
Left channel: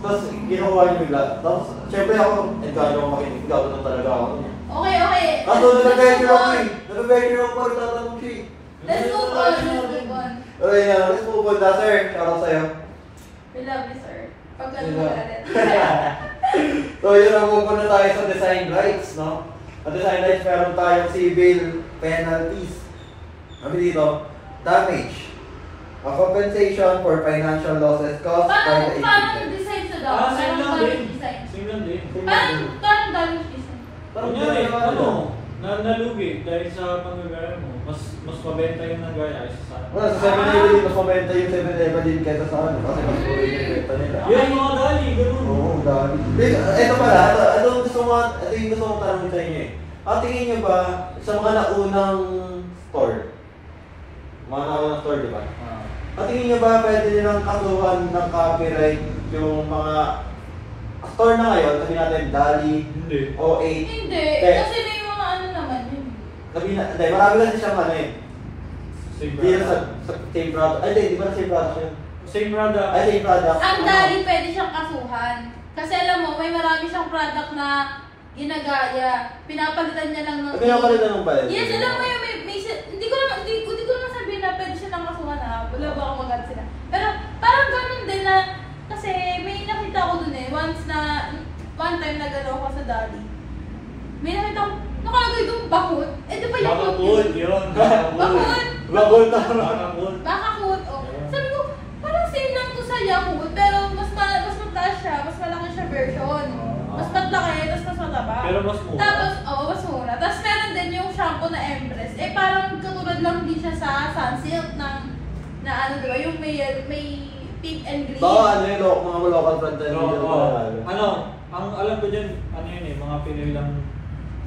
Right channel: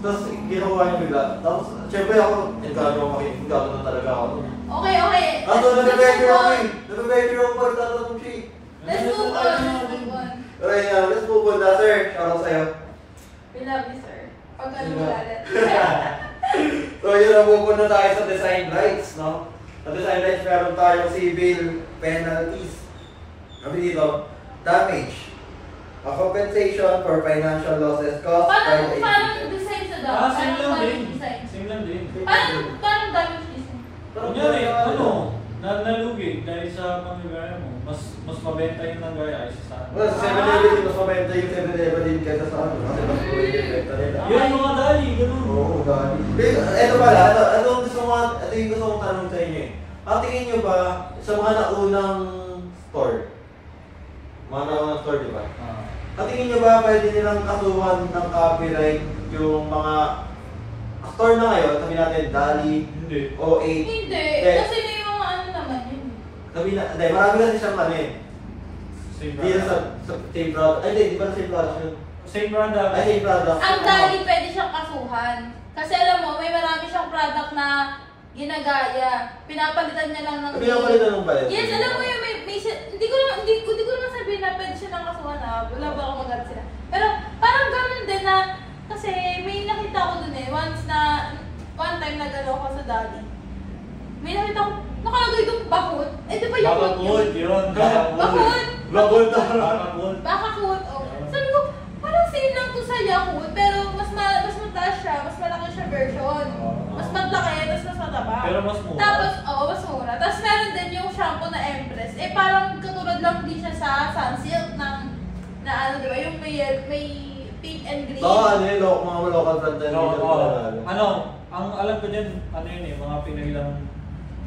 Tapos, ginawa niyo bigla. Tapos, siyempre ako, encourage ako makinig. Gagawin talaga ako. Okay. Kaso, nabibigay ako eh. Nabibigay ako pag tatanong siya eh. Let's move on. Okay, let's move on na, sir. Shoutout sa'yo. We love you, sir. Pag ano galit. So, yun, napupunta tayo sa design rights, no? Sa design rights, meron tayong civil penalties. Sabi dito, damage. A compensation for financial losses caused by the Parang agent. design sa daw. Same lang din. Design. Same lang din. Parang damage design. Kunyari, ano, nalugi dahil sa panggagaya mo, mas mabenta yung nanggaya isa sa Well, sa 7-Eleven din, mas mabenta yung 7-Eleven din kaysa sa ano, kasi mas mura yung ibenta nila. Yun ang mga dali, ganun. Oo, dami. Ito pala, ito yung gusto kong tanong sa inyo eh. Tingin nyo ba, sa mga naunang store, mga naunang store, di ba? Tingin nyo ba pwede nilang kasuhan ng copyright yung mga store na ngayon, sabi natin, DALI, Hindi. O8, Hindi. Eh. Kasi may mga ano naman yun. sabi na, hindi, marami kasi siyang ano eh. Same Hindi na product. sa same product, ay hindi, di ba na same product yun? Same product. Ay, same product. Ang dali pwede siyang kasuhan. Kasi alam mo, may marami siyang product na ginagaya. Pinapalitan niya lang ng... Pinapalitan ng bayad. Yes, alam mo yun, hindi ko naman sabihin na pwede siya lang kasuhan ha. Wala ba akong maganda sila. Pero parang ganun din na, kasi may nakita ko dun eh, one time na galaw ko sa Dali. May nakita ko, nakagay kong bakut. Eh, di ba yung Bakakwood, yun. Bakut! Bakul na. Bakakwood. Bakakut, oh. Sabi ko, parang same lang to sa Yakult, pero mas mataas siya, mas malaki siya version. Mas tatlaki, tapos mas mataba. Pero mas mura. Tapos, mas mura. Tapos meron din yung shampoo na Empress. Eh, parang katulad lang din siya sa Sunsilk ng, na ano, di ba? Yung may pink and green. Baka ano yun, mga local brand tayo. Ano, ang alam ko dyan, ano yun eh, mga Pinoy lang,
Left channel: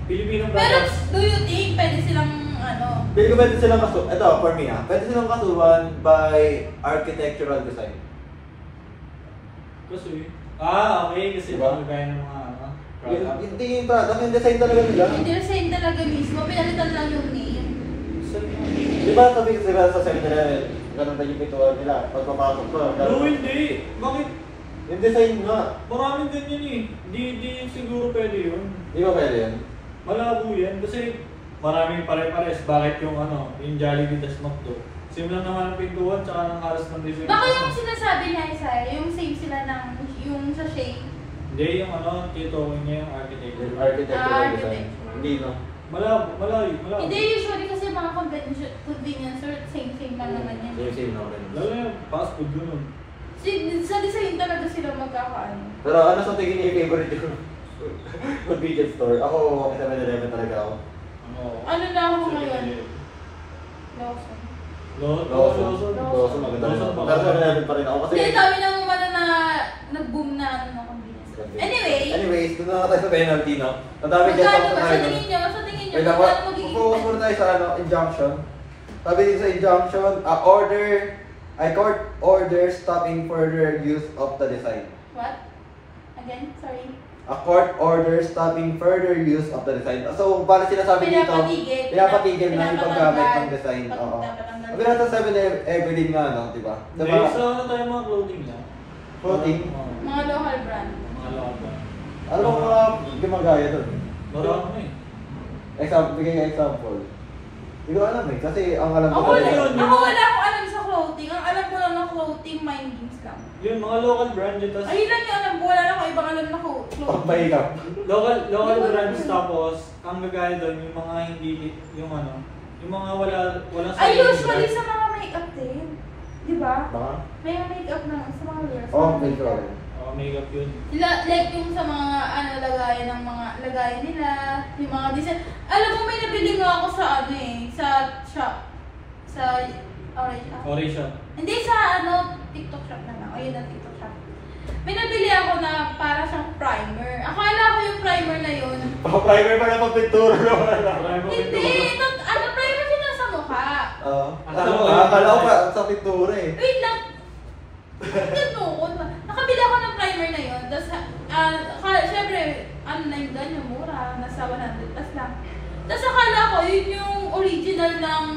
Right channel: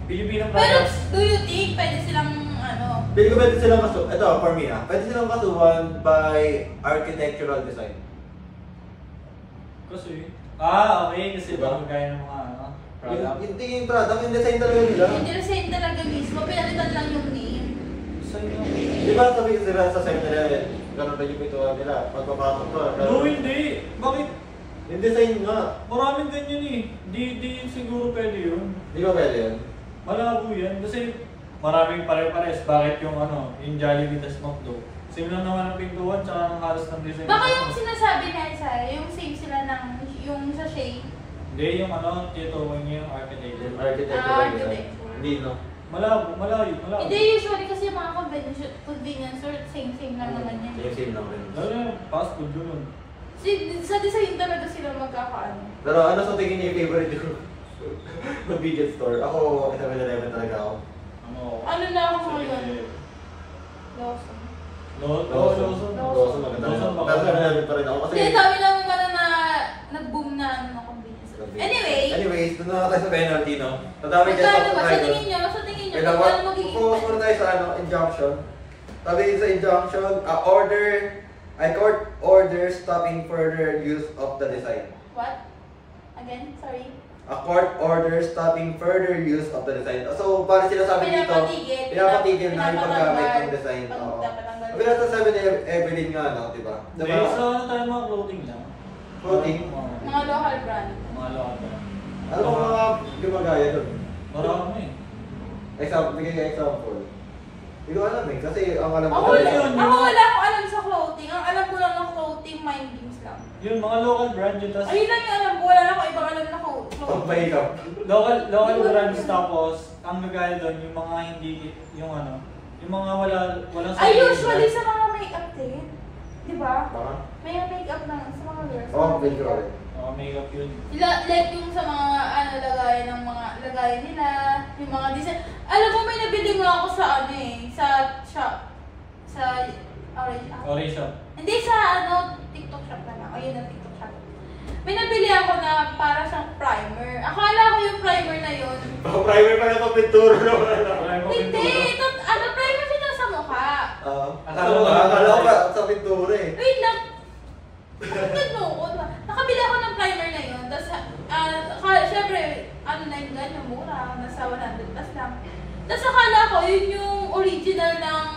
Filipino Pero, products. do you think pwede silang, ano, Pwede ko pwede silang kasuhan, ito for me pwede silang kasuhan by architectural design. Kasi, okay, kasi Diba? gaya ng mga ano, product. Hindi yung product, yung design talaga nila. yung design talaga mismo, pinalitan lang yung name. Saan yun? Di ba sabi nila sa site nila, ganun pa yung pintuan nila, pag papasok ko. No, hindi. Bakit? Yung design nga, Maraming ganyan eh. Di siguro pwede yun. di ba pwede yun? Malabo yan kasi maraming pare-pares. Bakit yung ano, yung Jollibee tas McDo? Same lang naman ang pintuan tsaka ng halos ng design. Baka yung sinasabi niya isa, yung same sila ng, yung sa shade. Hindi, yung ano, tituloy niya yung architecture. Architectural design. architecture. Hindi no? Malayo. Hindi, usually kasi mga convenience store, same lang naman yan. Same lang rin. Lalo yung fast food ganun. Sa design talaga sila magkakaano. Pero ano sa tingin niyo yung favorite yung convenience store? Ako, sa 7-Eleven talaga ako. Ano na ako ngayon? Lawson. Lawson. Lawson, maganda rin ako. Lawson, Pero 7-Eleven pa rin ako kasi... Hindi, dami lang naman na nag-boom na ano ng convenience store. Anyways, doon na tayo sa penalty, no? Ang dami dyan Magkano sa ba? Sa tayo. tingin niya, sa tingin niya, Wait lang, magkano magiging focus fine? muna tayo sa injunction. Sabi dito sa injunction, court order stopping further use of the design. What? Again? Sorry. A court order stopping further use of the design. So, bali sinasabi dito, pinapatigil na yung paggamit ng design. Oo. Sabi natin 7-Eleven nga, no? Diba? Hindi, so ano tayo mga clothing lang? Clothing? Mga local brand. Mga local. Ano bang mga gumagaya doon? Marami eh. Bigay nga example. Hindi ko alam eh, kasi ang alam ko Ako Ano yun? wala akong alam sa clothing. Ang alam ko lang ng clothing, mind games lang. Yun, mga local brand yun. Tas Ayun lang yung alam ko. Wala na akong ibang alam na clothing. Pagpahikap. local brands tapos, ang gagaya doon, yung mga hindi, yung ano, yung mga walang Ay, sariling usually brand. sa mga makeup din. Di ba? Baka? May makeup naman sa mga girls. Oo, medyo rin. Makeup yun. Like yung sa mga lagayan ng mga lagayan nila, yung mga design. Alam mo, may nabili nga ako sa ano sa shop. Sa Orange Shop. Oration. Hindi sa TikTok shop na lang. O yun ang TikTok shop. May nabili ako na para siyang primer. Akala ko yung primer na yun. Primer pa na pagpinturo na wala na. Hindi! Primer siya nasa mukha. Oo. Akala Akala ko pa sa pintura eh. Wait lang. Nakabili ako ng primer na yun. Tapos, Syempre, ano na yung ganyan, mura, nasa 100 plus lang. Tapos akala ko, yun yung original ng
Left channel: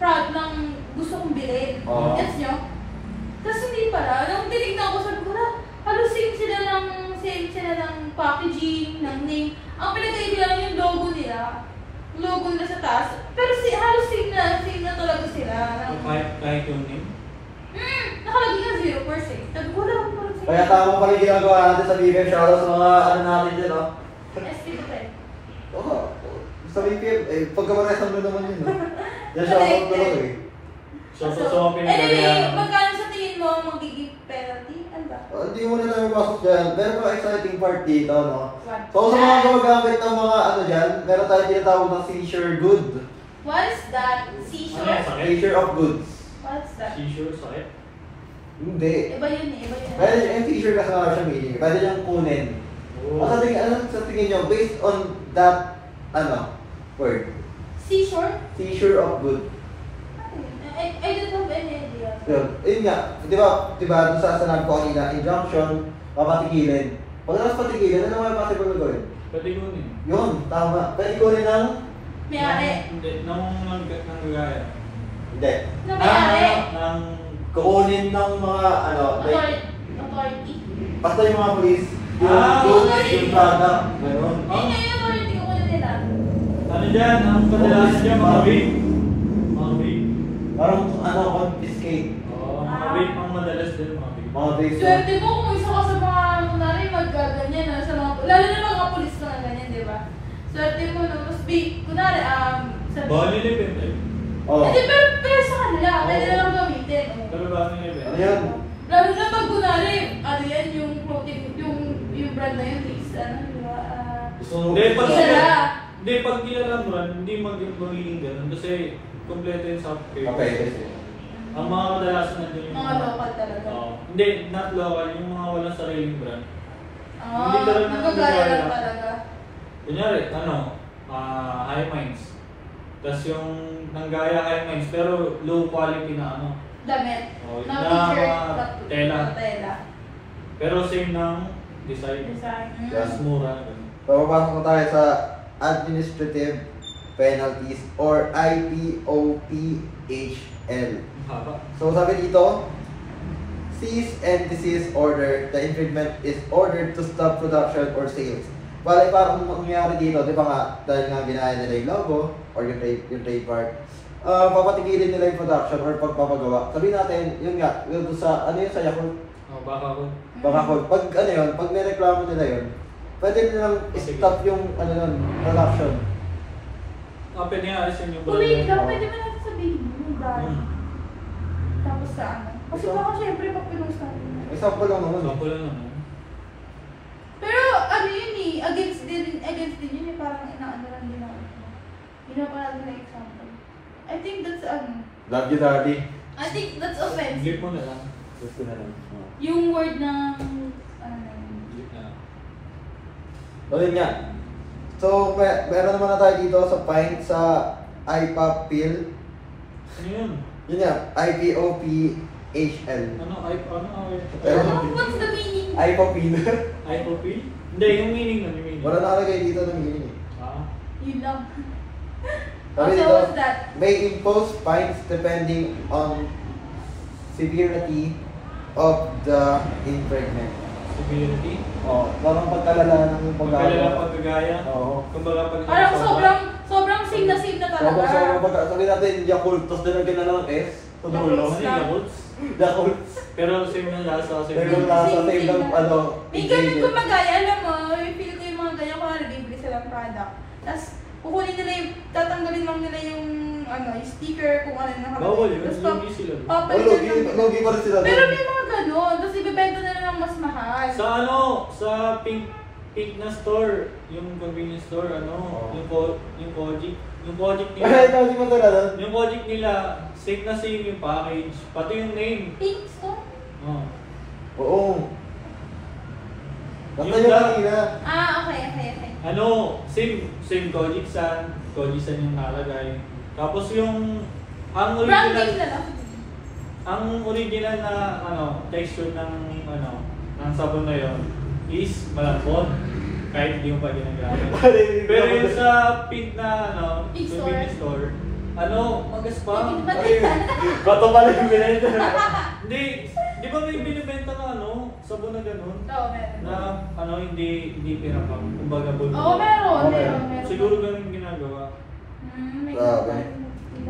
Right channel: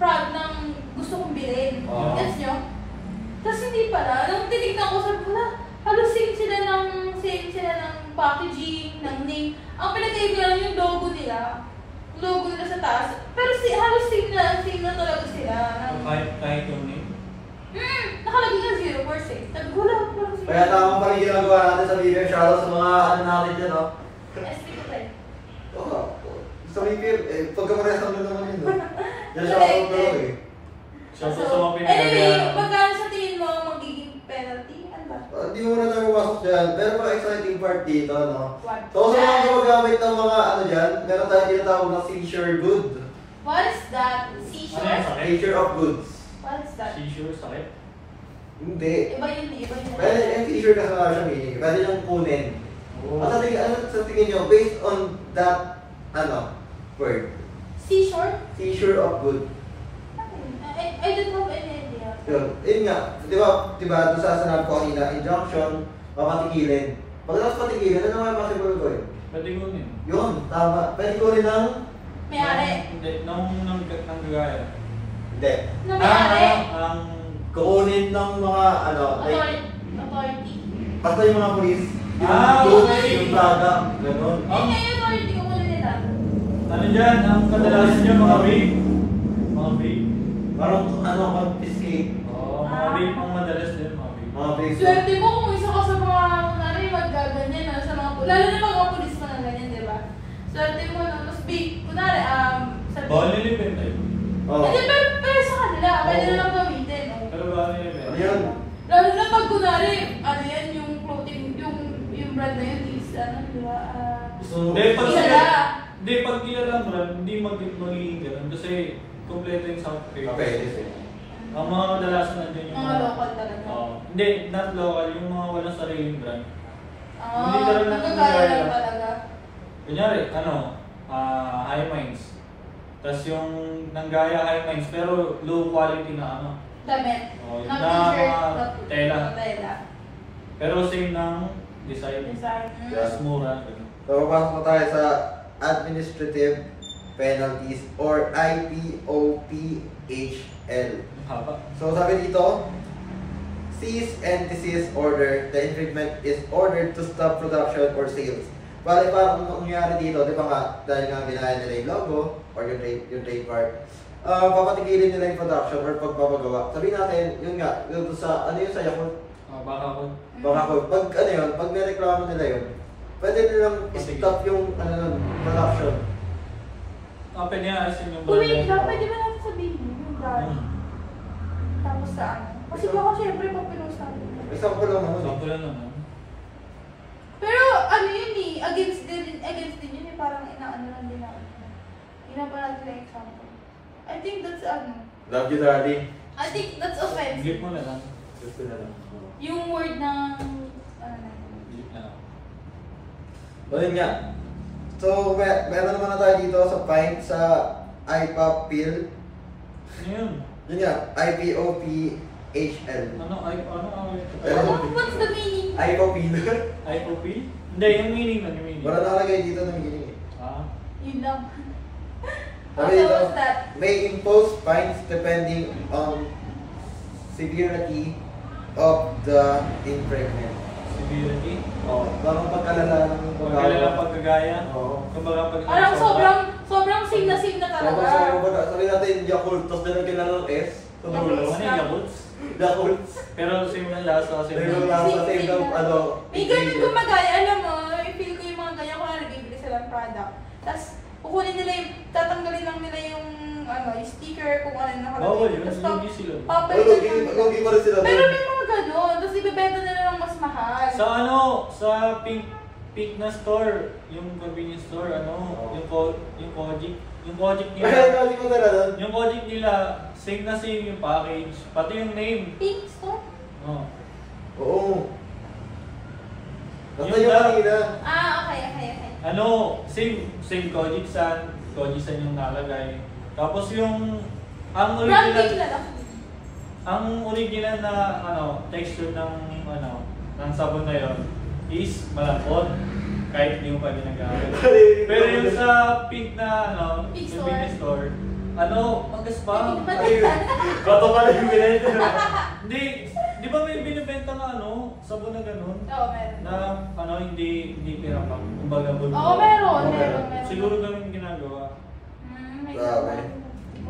product ng gusto kong bilhin. Oo. Gets nyo? Tapos hindi pala. Nung tinignan ko, sabi ko na, halos same sila ng packaging, ng name. Ang pinagkaiba lang yung logo nila. Logo nila sa taas. Pero halos same na talaga sila. So, kahit yung name. Nakalagay na 0%. Sabi ko, wala ko parang Kaya tama pa rin ginagawa natin sa BBM. Shoutout sa mga ano natin dyan, no? SP ko pa eh. Oo. Sa BBM, pagkamaresa mo naman yun, no? Yan shoutout ko lang eh. So, sa mga pinagagawa. Anyway, magkano sa tingin mo magiging penalty? Ano ba? Hindi mo na lang masok dyan. Meron pala exciting part dito, no? One. So sa mga gumagamit ng mga ano dyan, meron tayong tinatawag ng seizure good. What is that? Ano yan, Seashore? sakit? Seizure of goods. What is that? Seizure, sakit? Hindi. Iba yun eh, iba yun. Pwede yung seizure kasi nga siya meaning. Pwede niyang kunin. Oo. At sa tingin nyo, based on that, word, Seashore? seizure of good. I don't have any idea. Yun nga, di ba, doon sa sanabi ko kanina, injunction, papatigilin. Pagkatapos patigilin, ano naman possible gawin? Pwede kunin. Yun, tama. Pwede kunin ng... May-ari. Hindi, nanggagaya. Hindi. Na may-ari. Ng Kukunin ng mga, Authority. basta yung mga police, yung Ah, goods, okay. yung product, meron. Eh, ngayon authority ko kunin nila. ano dyan, ang kadalasan dyan, mga vape. Mga vape. Parang confiscate. Oo, mga vape ang madalas din, mga vape. Mga basic. Swerte mo kung isa ka sa mga kunwari maggaganyan, ano, sa mga, lalo na mga pulis na ganyan, di ba? Swerte mo, no? Tapos, kunwari, sa... Bawal nilipin tayo. Oh. Hindi, pero sa kanila, kaya nila lang gamitin. Pero bawal nilipin. Ano yan? Lalo na pag kunwari, ano yan, yung clothing, yung brand na yun, is, ano, di ba? Hindi, pag Kilala. Hindi, pag kilala mo rin, hindi magiging ganun. Kasi kompleto yung sound Okay, papers. kasi. Ang mga kadalasan nandiyan yung Mga local talaga. Oo. Hindi, not local. Yung mga walang sariling brand. Ah, Hindi ka rin nagkagaya nagkagaya. lang talaga. Kunyari, high minds. Tapos yung nanggaya high minds, pero low quality na ano. Damit. Oh, Na na t-shirt, mga tela. Tela. Pero same ng design. Design. Mas mura. Ganun. So, papasok na tayo sa administrative penalties or IPOPHL. Ang haba. So, sabi dito, cease and desist order, the infringement is ordered to stop production or sales. Bale, parang mangyari dito, di ba nga, dahil nga ginaya nila yung logo or yung trademark, papatigilin nila yung production or pagpapagawa. Sabihin natin, yun nga, yung sa, ano yun, sa Yakult, Baka ko. pag ano yun, pag may reklamo nila yun, pwede nilang stop yung, ano nun, production. Pwede nga alisin yung Wait lang, brand. pwede ba natin sabihin yung brand? Hmm. Tapos sa ano? Kasi baka syempre papinost na rin. Example lang naman. Sample lang naman. Pero ano yun eh, against din yun eh, parang inaano lang din natin. Ginawa natin ng example. I think that's Love you, daddy. I think that's offensive. Gip mo na lang. Just ko na lang. Yung word ng, Gip na lang. So, yun nga. So, meron naman na tayo dito sa fine sa IPOPHL. Ano yun? Yun nga, IPOPHL. Ano? Pero- what's the meaning? IPOPHL. Eye profile? Hindi, yung meaning lang, yung meaning. Wala nakalagay dito ng meaning eh. Ah. Yun lang. Sabi Okay, dito, what's that? may impose fines depending on severity of the infringement. Severity? Oh, parang pagkalala ng Magkalala pagkagaya? Oo. Kumbaga pag Parang sobrang sing na talaga. Sabi natin, Yakult, tapos dinagyan na ng S. Sa dulo. Ano yung Yakults? Yakult. Pero same yung lasa kasi Same yung lasa, same ng ano. May ganun kumagaya, alam mo, may feel ko yung mga ganyan kung nag-bibili silang product. Tapos, kukunin nila yung, tatanggalin lang nila yung, yung sticker kung ano yung nakalagay. Bawal yun, Tapos, lugi sila doon. papalitan lang nila. Lugi pa rin sila Pero doon. may mga ganun, tapos ibibenta na lang mas mahal. Sa sa pink na store, yung convenience store, yung Kojic. Yung Kojic Ay, nila. nasi mo talaga. Yung Kojic nila, same na same yung package. Pati yung name. Pink store? Oh. Oo. Basta Yung yung da- kanina. Okay. Same Kojic San yung nalagay. Tapos yung ang Brand name original lang. ang original na texture ng ng sabon na yon is malambot. Kahit hindi mo pa ginagamit. Pero yung sa pink na Pink sa pink store, magas pa. Bato pala yung binenta. Hindi, di ba may binibenta na sabon na ganun? Oo, meron. Na hindi pinapang, kumbaga bulbul. Oo, meron. Siguro ganun ginagawa. Grabe.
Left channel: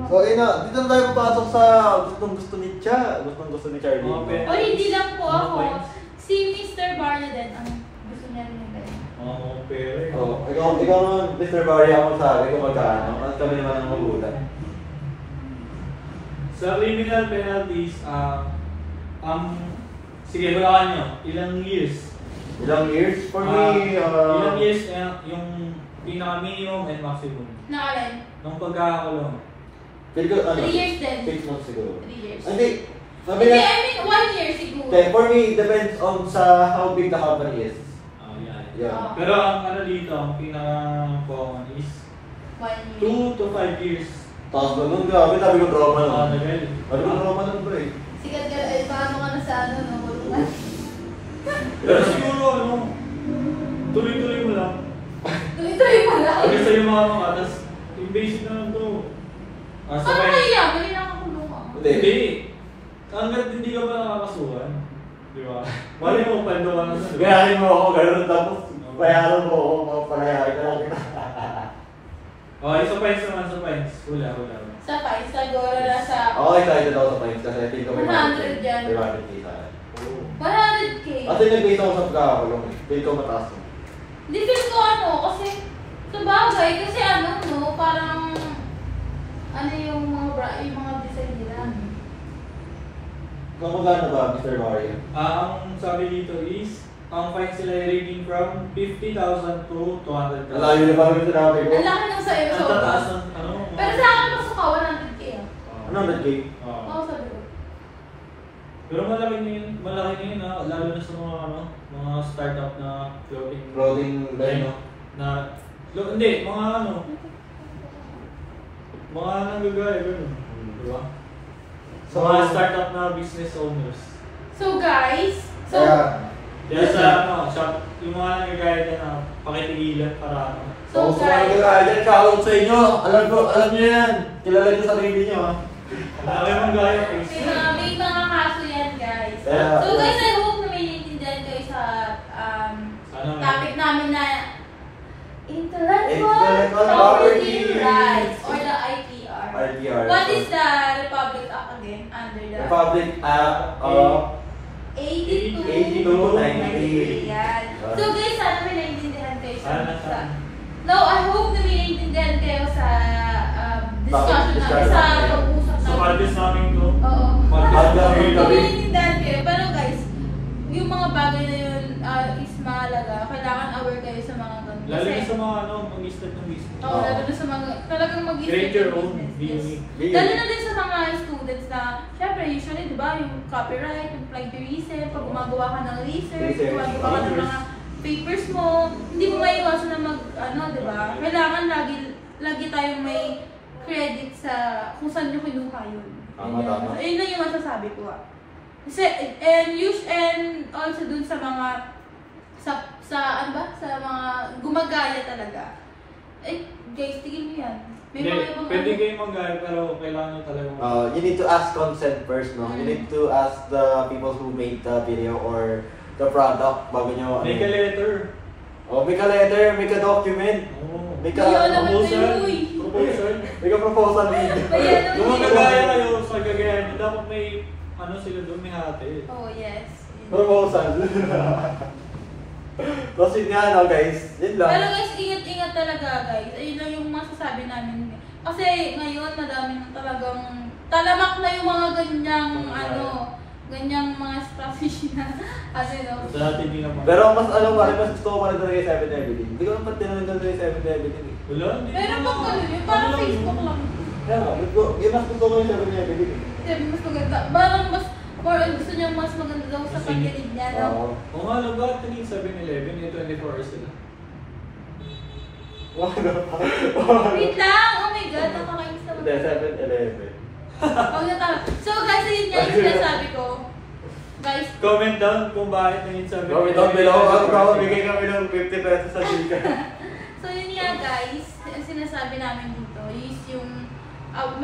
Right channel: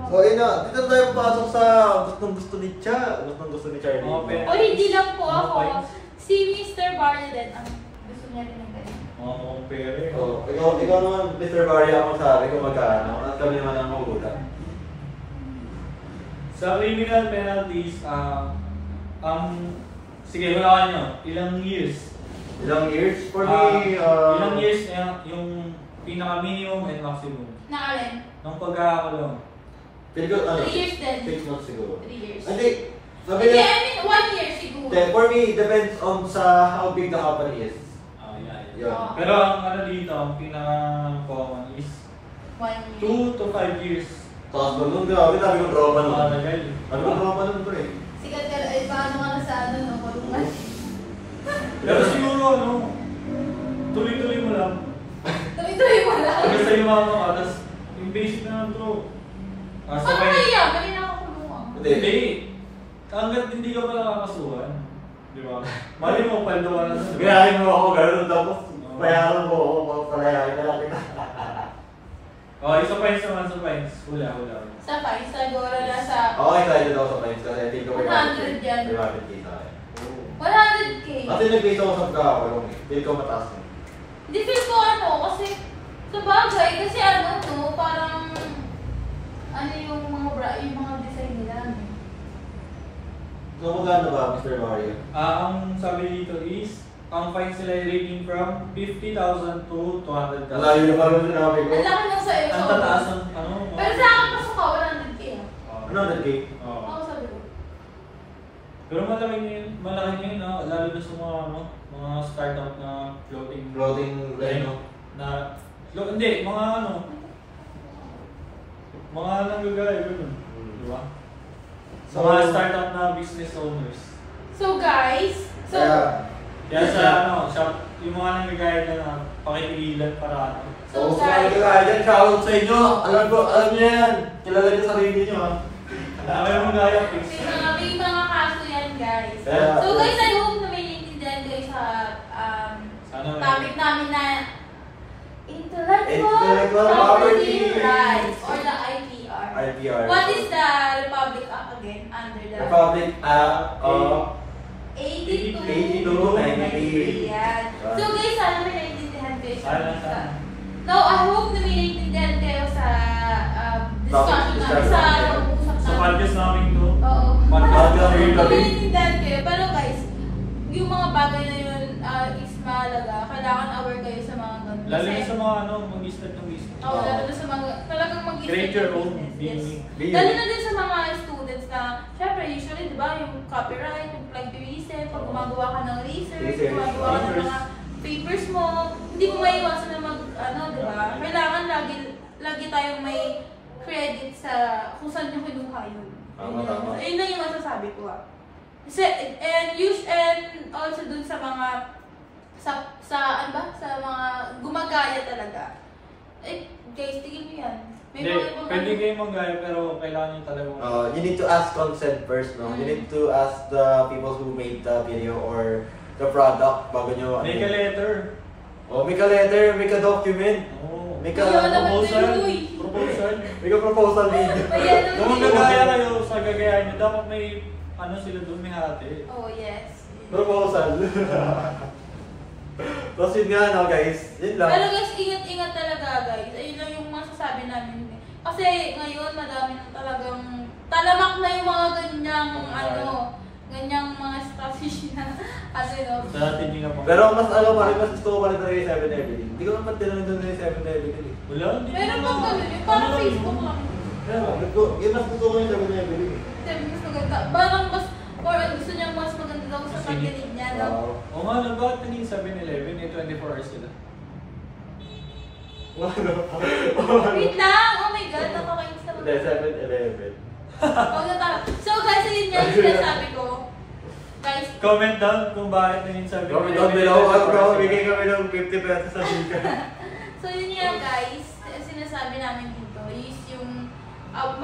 So, dito na tayo papasok sa gusto ni Charlie. O, hindi lang po Mga ako. points. Si Mr. Barlow din, ang gusto niya rin yung ganyan. Oo, pero Oh, ikaw naman, Mr. Barry, ako sabi kung magkano. At kami naman ang magulat. sa criminal penalties, sige, wala nyo, ilang years? Ilang years? For Ah, me, ilang years yung pinaka-minimum and maximum Nakalay. ng pagkakakulong? feel ko, 3 years din. 6 months siguro. 3 years. Hindi, sabi Hindi, na, I mean, 1 year siguro. okay, for me, depends on sa how big the company is. Yeah. Yeah. Pero ang dito, ang pinaka-common is 1 year. 2 to 5 years. Tapos doon, grabe, sabi ko drama nun. Matagal. Sabi ko drama nun bro eh. Sikat ka lang, paano ka na sa kulungan? Pero siguro, tuloy-tuloy mo lang. Tuloy-tuloy mo lang. Hanggang sa'yo mga tapos yung basic na lang to. Ano Sabay. kaya? May nakakulungan. Hindi. Hanggat hindi ka pa nakakasuhan. Di ba? Mali mo, paldo ka na nun. di ba? Gayahin mo ako, gano'n tapos bayaran mo ako, palayahin ka lang kita. Oh, isa fines naman sa fines. Hula. Sa Pais, sa Gora na sa Ako excited ako sa points kasi hindi ko may 100 yan. 500k sa akin. 100k. Kasi nag-base ako sa pagkakakulong eh. Feel ko mataas mo. Hindi feel ko kasi sa bagay, kasi parang yung mga design nila. So, magkano ba, Mr. Mario? Ang sabi dito is, ang fines sila ay ranging from 50,000 to 200,000. Malayo na parang sinabi ko. Ang laki ng sa'yo. Ang tataas ng Pero sa akin, pasok ka, 100k. Ano 100k? Oo. Ako sabi ko. Pero malaki niya yun, lalo na sa mga startup na clothing Clothing line, no? Hindi, mga nanggagaya, gano'n. Diba? So, Mga startup na business owners. So guys, Kaya sa shop, yung mga nanggagaya dyan na pakitigilan para So, sa mga nila dyan, shoutout sa inyo. Alam niyo yan. Kilala niyo sarili niyo, ha? Alam mong gaya, please. may mga kaso yan guys. Kaya- So guys, I hope na may naiintindihan kayo sa Sana topic namin na Intellectual Intellectual Property Property Rights or the IPR. IPR. What is the Republic Act again under the Republic Act of 82 to 93. Yan. So guys, sana may naiintindihan kayo Sana. No, I hope na may naiintindihan kayo sa discussion namin, discussion sa namin. pag-uusap Sa namin. podcast namin to. Oo. Podcast namin Kung kami. naiintindihan kayo. Pero guys, yung mga bagay na yun is mahalaga. Kailangan aware kayo sa mga ganun. Lalo na Kasi- sa mga mag-start ng business. Oo, lalo na sa mga, talagang mag-isip. Create your own, business. be Yes. unique. Be Lalo unique. na din sa mga students na, syempre, usually, di ba, yung copyright, yung plagiarism, pag gumagawa ka ng research, Research. gumagawa ka ng mga papers mo, hindi mo maiwasan na di ba? Kailangan lagi tayong may credit sa kung saan nyo kinuha yun. Tama, tama. Yun lang yung masasabi ko Kasi, and also dun sa mga, sa mga gumagaya talaga. Guys, tingin nyo yan. May Hindi, mga ibang pwede kayo mag-gaya pero kailangan nyo talaga You need to ask consent first, no? You need to ask the people who made the video or the product bago nyo, Make a letter. make a letter, make a document, Oh. make Ayaw a naman Proposal. kayo, eh. Proposal. make a proposal video. Ayan, Kung magagaya kayo sa gagayahin nyo, dapat may sila doon may hati. Oh, yes. Proposal. Tapos yun nga, no, guys. Yun lang. Pero guys, ingat-ingat talaga guys. Ayun lang yung masasabi namin. Kasi ngayon, madami na talagang talamak na yung mga ganyang mga strategy na, Sa natin hindi na pa. Pero mas mas gusto ko pa rin talaga yung 7-Eleven. Hindi ko naman tinanong doon yung 7-Eleven. Wala, hindi Meron na. bang kami? Parang Facebook lang. Kaya nga, mas gusto ko yung 7-Eleven. Kasi mas maganda. Parang mas, gusto niya mas maganda daw sa pagkilig niya. No? Oo nga, ba? Tingin 7-Eleven, yung 24 hours sila. Wait lang! Oh my God, nakakainis naman. Hindi, 7-Eleven. So guys, ayun yan yung sinasabi ko. Guys, Comment down kung bakit naging 70. Comment down below, bigay kami ng 50 pesos sa Gika. so yun nga guys, ang sinasabi namin dito is yung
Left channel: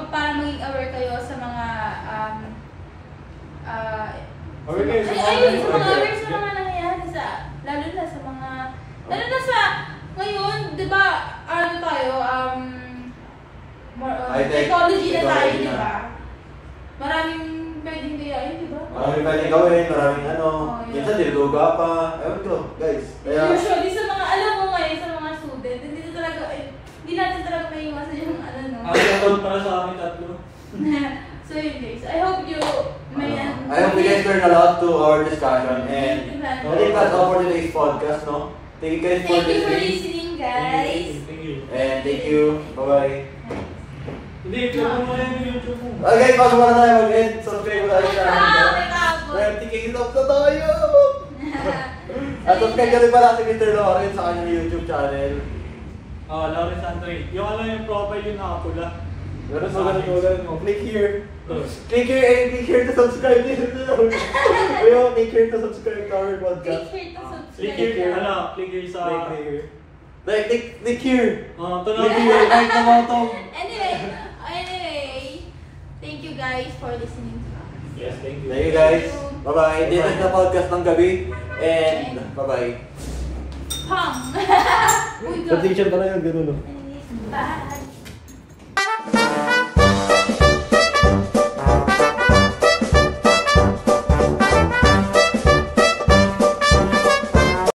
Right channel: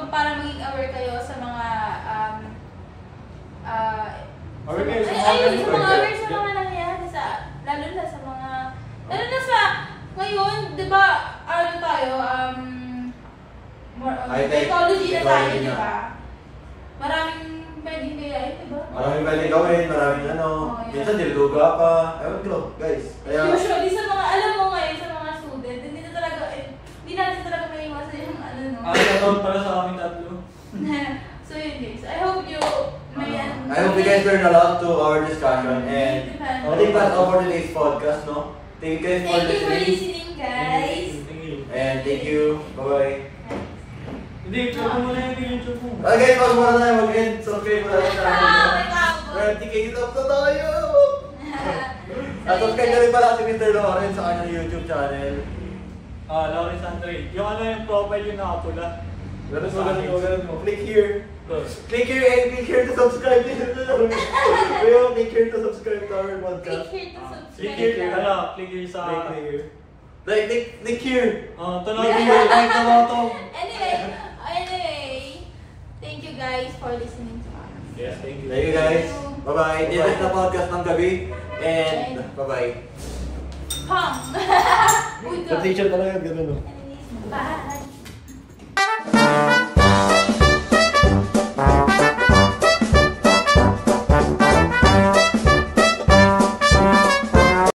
para maging aware kayo sa mga Aware kayo sa mga aware nangyayari. sa mga nangyayari lalo na sa ngayon, di ba, ano tayo, technology na tayo, di ba? Maraming pwedeng gayahin, di ba? Maraming pwedeng gawin, maraming ano. Oh, yeah. Minsan diluga pa. Ewan ko, guys. Kaya, Usually sa mga, alam mo ngayon, sa mga student, hindi natin talaga may iwasan yung ano, no? Ang account para sa amin tatlo. So yun guys, I hope you may I hope you guys learned a lot to our discussion and I think that's all for today's podcast, no? Thank you guys for Thank you for listening. listening, guys. Thank you. And thank you. Bye-bye. Hindi, click mo na yung YouTube mo. Okay, bago muna tayo mag-end, subscribe mo tayo sa channel. May kabot. 20k sub na tayo! At subscribe na rin pala si Mr. Lawrence sa kanyang YouTube channel. Lawrence Andre. Yung ano yung profile yung nakapula. Ganun mo. Click here. Click here and click here to subscribe din. Ayaw, click here to subscribe to our podcast. Click here to subscribe. Click here, click here sa... Click here. Click here. Tunog Click here. Like the bottom. Anyway, thank you guys for listening to us. Yes, thank you. Thank you guys. Bye-bye. Dito na podcast ng gabi. And bye-bye. Pam! Transition talaga, ganun. Bye!